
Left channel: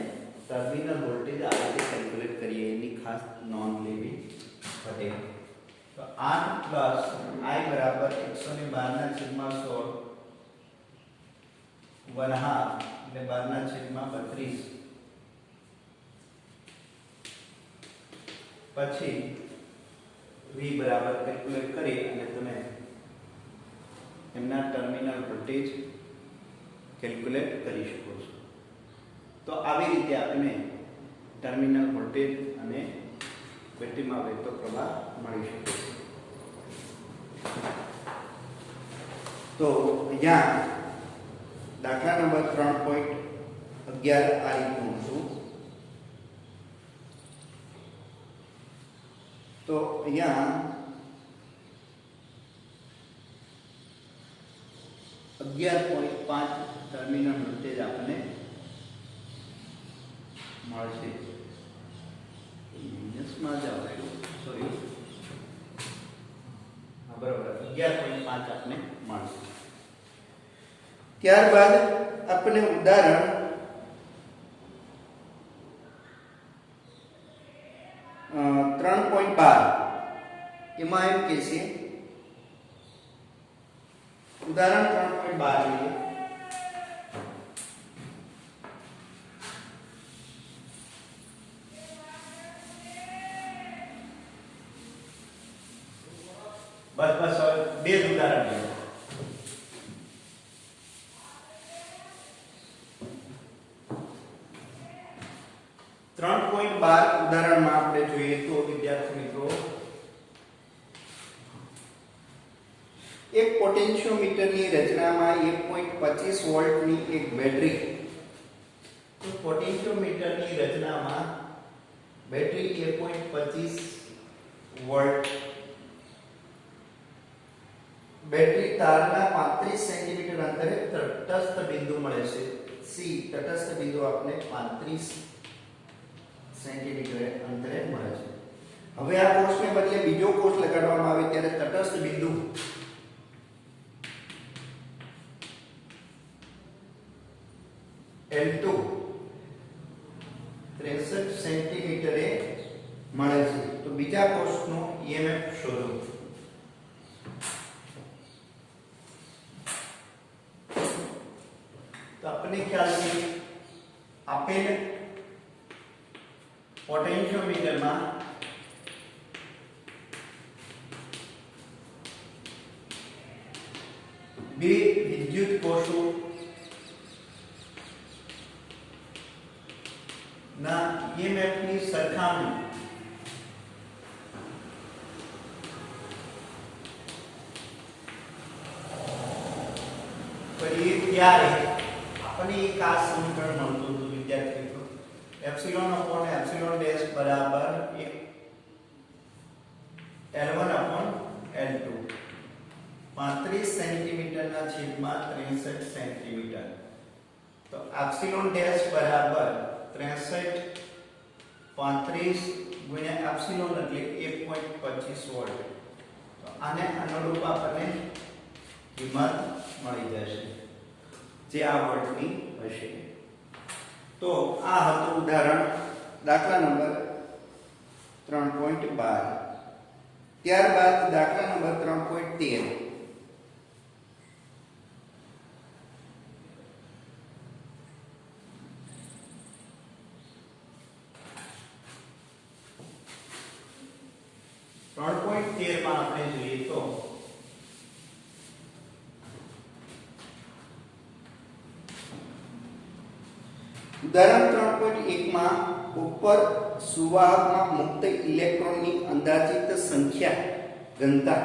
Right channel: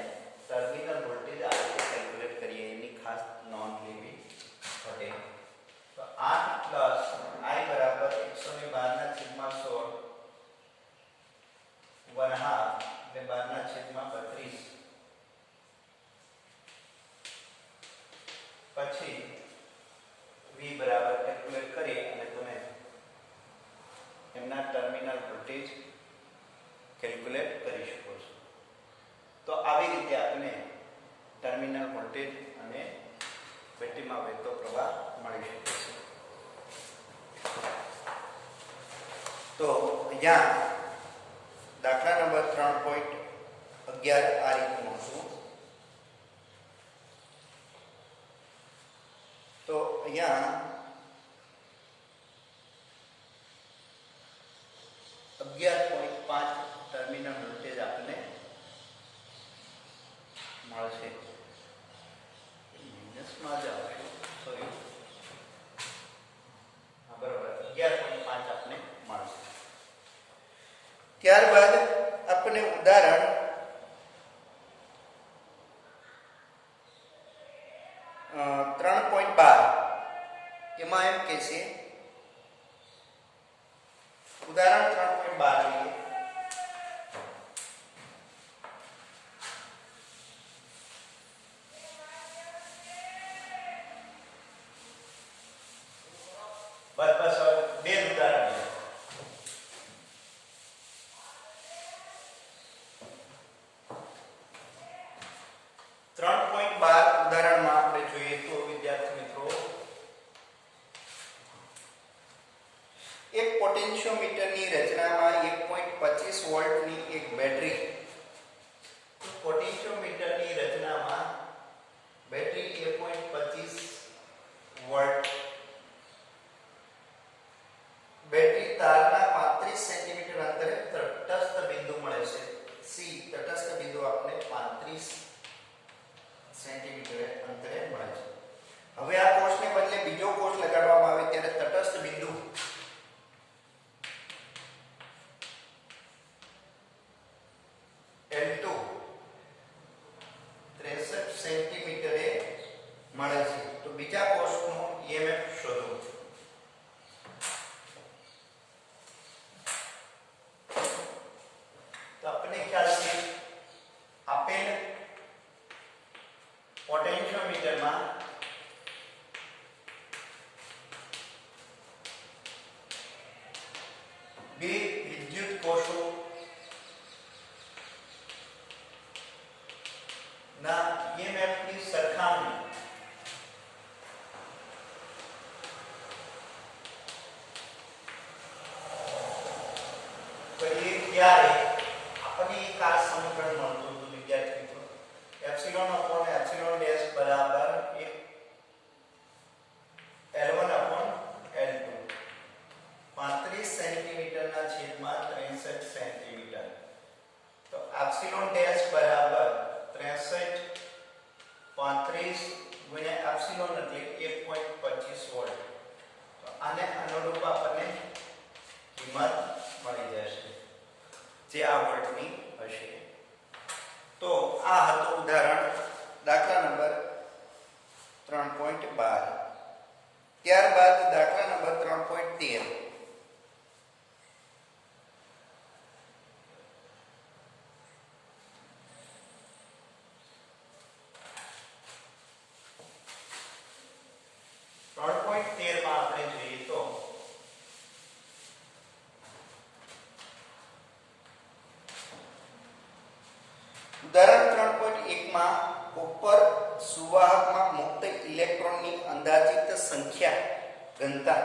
ટર્મિનલ વોલ્ટેજ આ રીતે કેલ્ક્યુલેટ કરીએ, એની ખાસ નોંધ લેવી પડે. તો 8 પ્લસ I બરાબર 112 ના છેદમાં 16 1/2 એટલે 12 ના છેદમાં 32. પછી V બરાબર કેલ્ક્યુલેટ કરી અને તમે એમના ટર્મિનલ વોલ્ટેજ કેલ્ક્યુલેટ કરી શકો છો. તો આવી રીતે આપણે ટર્મિનલ વોલ્ટેજ અને બેટરીમાં વહેતો પ્રવાહ મળી શકે છે. તો અહીંયા દાખલા નંબર 3.11 આ રીતનું હતું. તો અહીંયા 11.5 ટર્મિનલ વોલ્ટેજ આપને મળશે. માઇનસમાં જ આવશે, સોરી, હા બરાબર 11.5 આપને મળશે. ત્યારબાદ આપણે ઉદાહરણ 3.12 એમાં એમ કે છે, ઉદાહરણ 3.12 લઈએ. બસ બે ઉદાહરણ લઈએ. ઉદાહરણમાં આપણે જોઈએ તો વિદ્યાર્થી મિત્રો, એક પોટેન્શિયોમીટરની રચનામાં 1.25 વોલ્ટની એક બેટરી. તો પોટેન્શિયોમીટરની રચનામાં બેટરી 1.25 વોલ્ટ, બેટરી તારના 35 સેન્ટીમીટર અંતરે તટસ્થ બિંદુ મળે છે. સી તટસ્થ બિંદુ આપણે 35 સેન્ટીમીટર અંતરે મળે છે. હવે આ કોષને બદલે બીજો કોષ લગાડવામાં આવે ત્યારે તટસ્થ બિંદુ L2 63 સેન્ટીમીટરે મળે છે. તો બીજા કોષનો EMF શોધો. તો આપણે ખ્યાલ છે આપેલ પોટેન્શિયોમીટરમાં બે વિદ્યુત કોષો ના EMF ની સરખામણી કરીએ ત્યારે આપણને એક આ સમીકરણ મળતું હતું વિદ્યાર્થી મિત્રો, એપ્સિલોન અપોન એપ્સિલોન ડેશ બરાબર એક L1 અપોન L2 35 સેન્ટીમીટરના છેદમાં 63 સેન્ટીમીટર, તો એપ્સિલોન ડેશ બરાબર 63 35 ગુણ્યા એપ્સિલોન એટલે 1.25 વોલ્ટ, તો આને અનુરૂપ આપણને કિંમત મળી જશે જે આ વોલ્ટની હશે. તો આ હતું ઉદાહરણ દાખલા નંબર 3.12. ત્યારબાદ દાખલા નંબર 3.13. માં આપણે જોઈએ તો ઉદાહરણ 3.1 માં ઉપર સુવાહકમાં મુક્ત ઇલેક્ટ્રોનની અંદાજિત સંખ્યા ઘનતા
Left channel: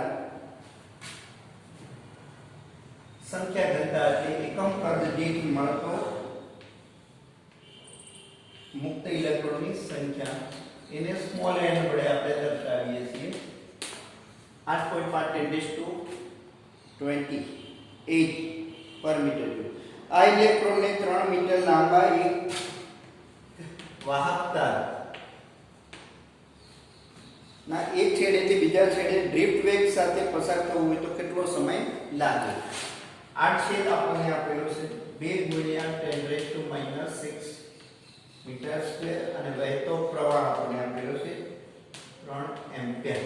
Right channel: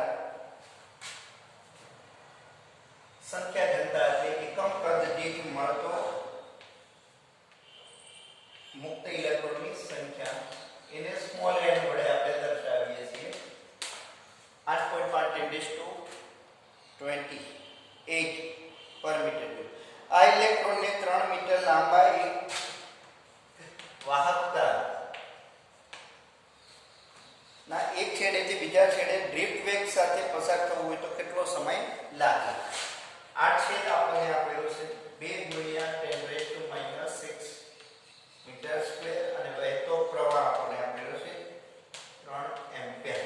એટલે એકમ કદ દીઠ મળતો મુક્ત ઇલેક્ટ્રોનની સંખ્યા એને સ્મોલ n વડે આપણે દર્શાવીએ છીએ. 8.5 પર મીટર ક્યુબ. આ ઇલેક્ટ્રોનને 3 મીટર લાંબા એક વાહક તાર ના એક છેડેથી બીજા છેડે ડ્રિફ્ટ વેગ સાથે પસાર થવું હોય તો કેટલો સમય લાગે? 8 છેદ આપણને આપેલો છે 2 ગુણ્યા 10⁻⁶ મીટર સ્ક્વેર અને વહેતો પ્રવાહ આપણને આપેલો છે 3 એમ્પિયર.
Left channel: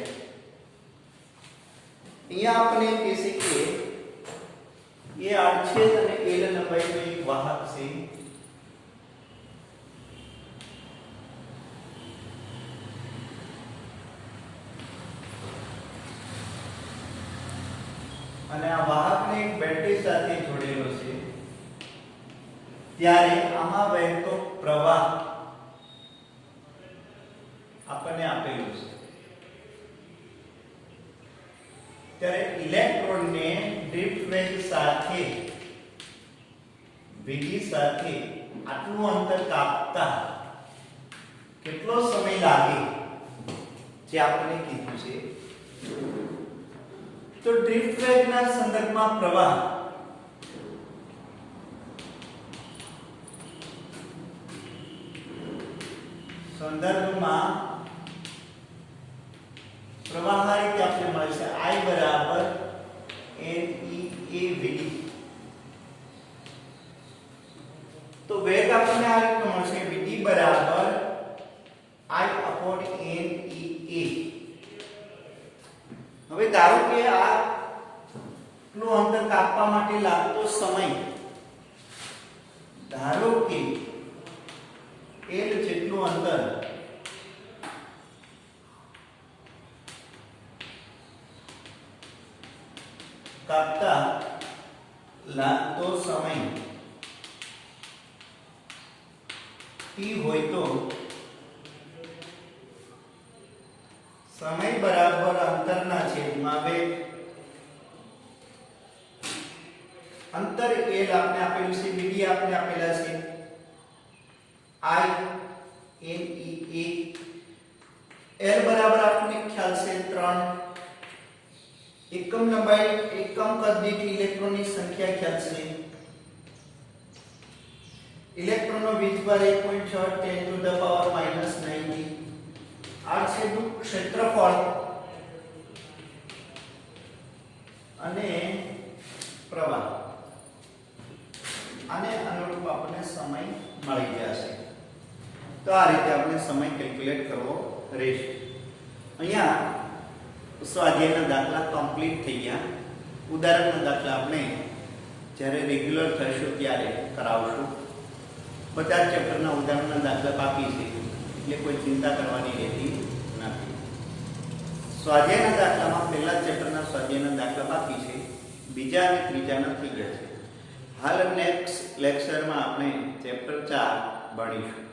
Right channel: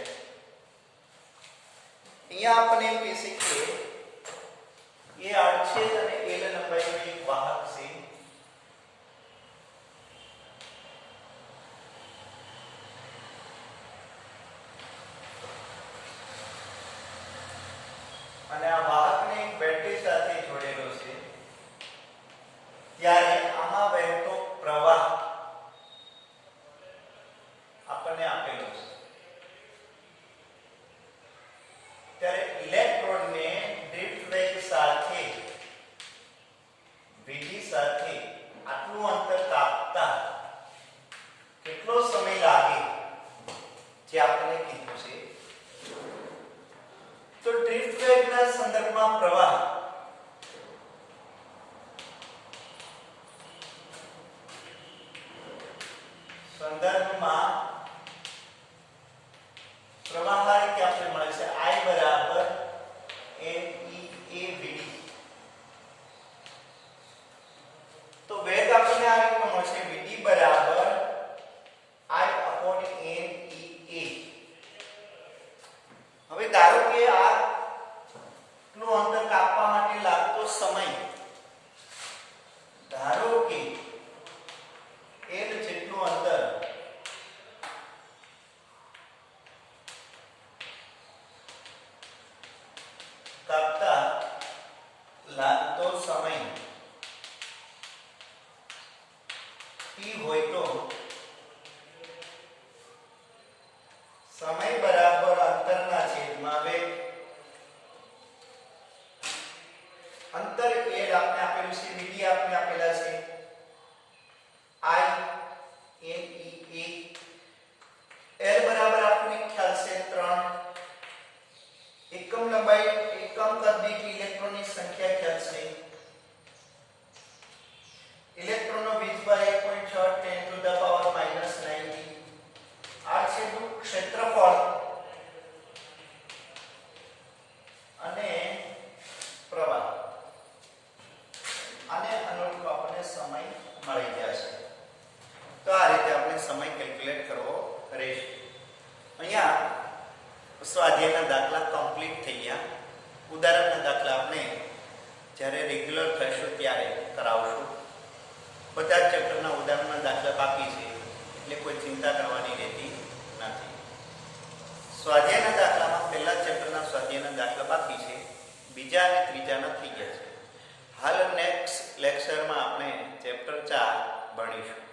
અહીંયા આપણે કહી શકીએ ये 8 छेद અને L લંબાઈનો એક વાહક છે. અને આ વાહકને એક બેટરી સાથે જોડેલો છે. ત્યારે આમાં વહેતો પ્રવાહ આપણને આપેલો છે. ત્યારે ઇલેક્ટ્રોનને ડ્રિફ્ટ વેગ સાથે vd સાથે આટલું અંતર કાપતા કેટલો સમય લાગે જે આપણે કીધું છે. તો ડ્રિફ્ટ વેગના સંદર્ભમાં પ્રવાહ પ્રવાહ કે આપણે મળે છે I બરાબર NEAVD. તો વેગ આપણને આ રીતે મળશે VD બરાબર I/NEA. હવે ધારો કે આ નું અંતર કાપવા માટે લાગતો સમય ધારો કે L જેટલું અંતર કાપતા લાગતો સમય t હોય તો સમય બરાબર અંતરના છેદમાં વેગ. અંતર L આપણે આપેલું છે, VD આપણે આપેલા છે I/NEA. L બરાબર આપણને ખ્યાલ છે 3. એકમ લંબાઈ એકમ કદ દીઠ ઇલેક્ટ્રોનની સંખ્યા ખ્યાલ છે. ઇલેક્ટ્રોનનો વીજભાર 1.6 10⁻⁻90. આ છે ક્ષેત્રફળ અને પ્રવાહ. આને અનુરૂપ આપણને સમય મળી ગયા છે. તો આ રીતે આપણે સમય કેલ્ક્યુલેટ કરવો રહેશે. અહીંયા સ્વાધ્યાયના દાખલા કમ્પ્લીટ થઈ ગયા. ઉદાહરણના દાખલા આપણે જ્યારે રેગ્યુલર થશે ત્યારે કરાવશું. બધા ચેપ્ટરના ઉદાહરણના દાખલા બાકી છે એટલે કોઈ ચિંતા કરવાની રહેતી નથી. સ્વાધ્યાયના દાખલામાં પહેલા ચેપ્ટરના સ્વાધ્યાયના દાખલા બાકી છે. બીજા અને ત્રીજાના થઈ ગયા છે. હાલ નેક્સ્ટ લેક્ચરમાં આપણે ચેપ્ટર 4 ભણીશું.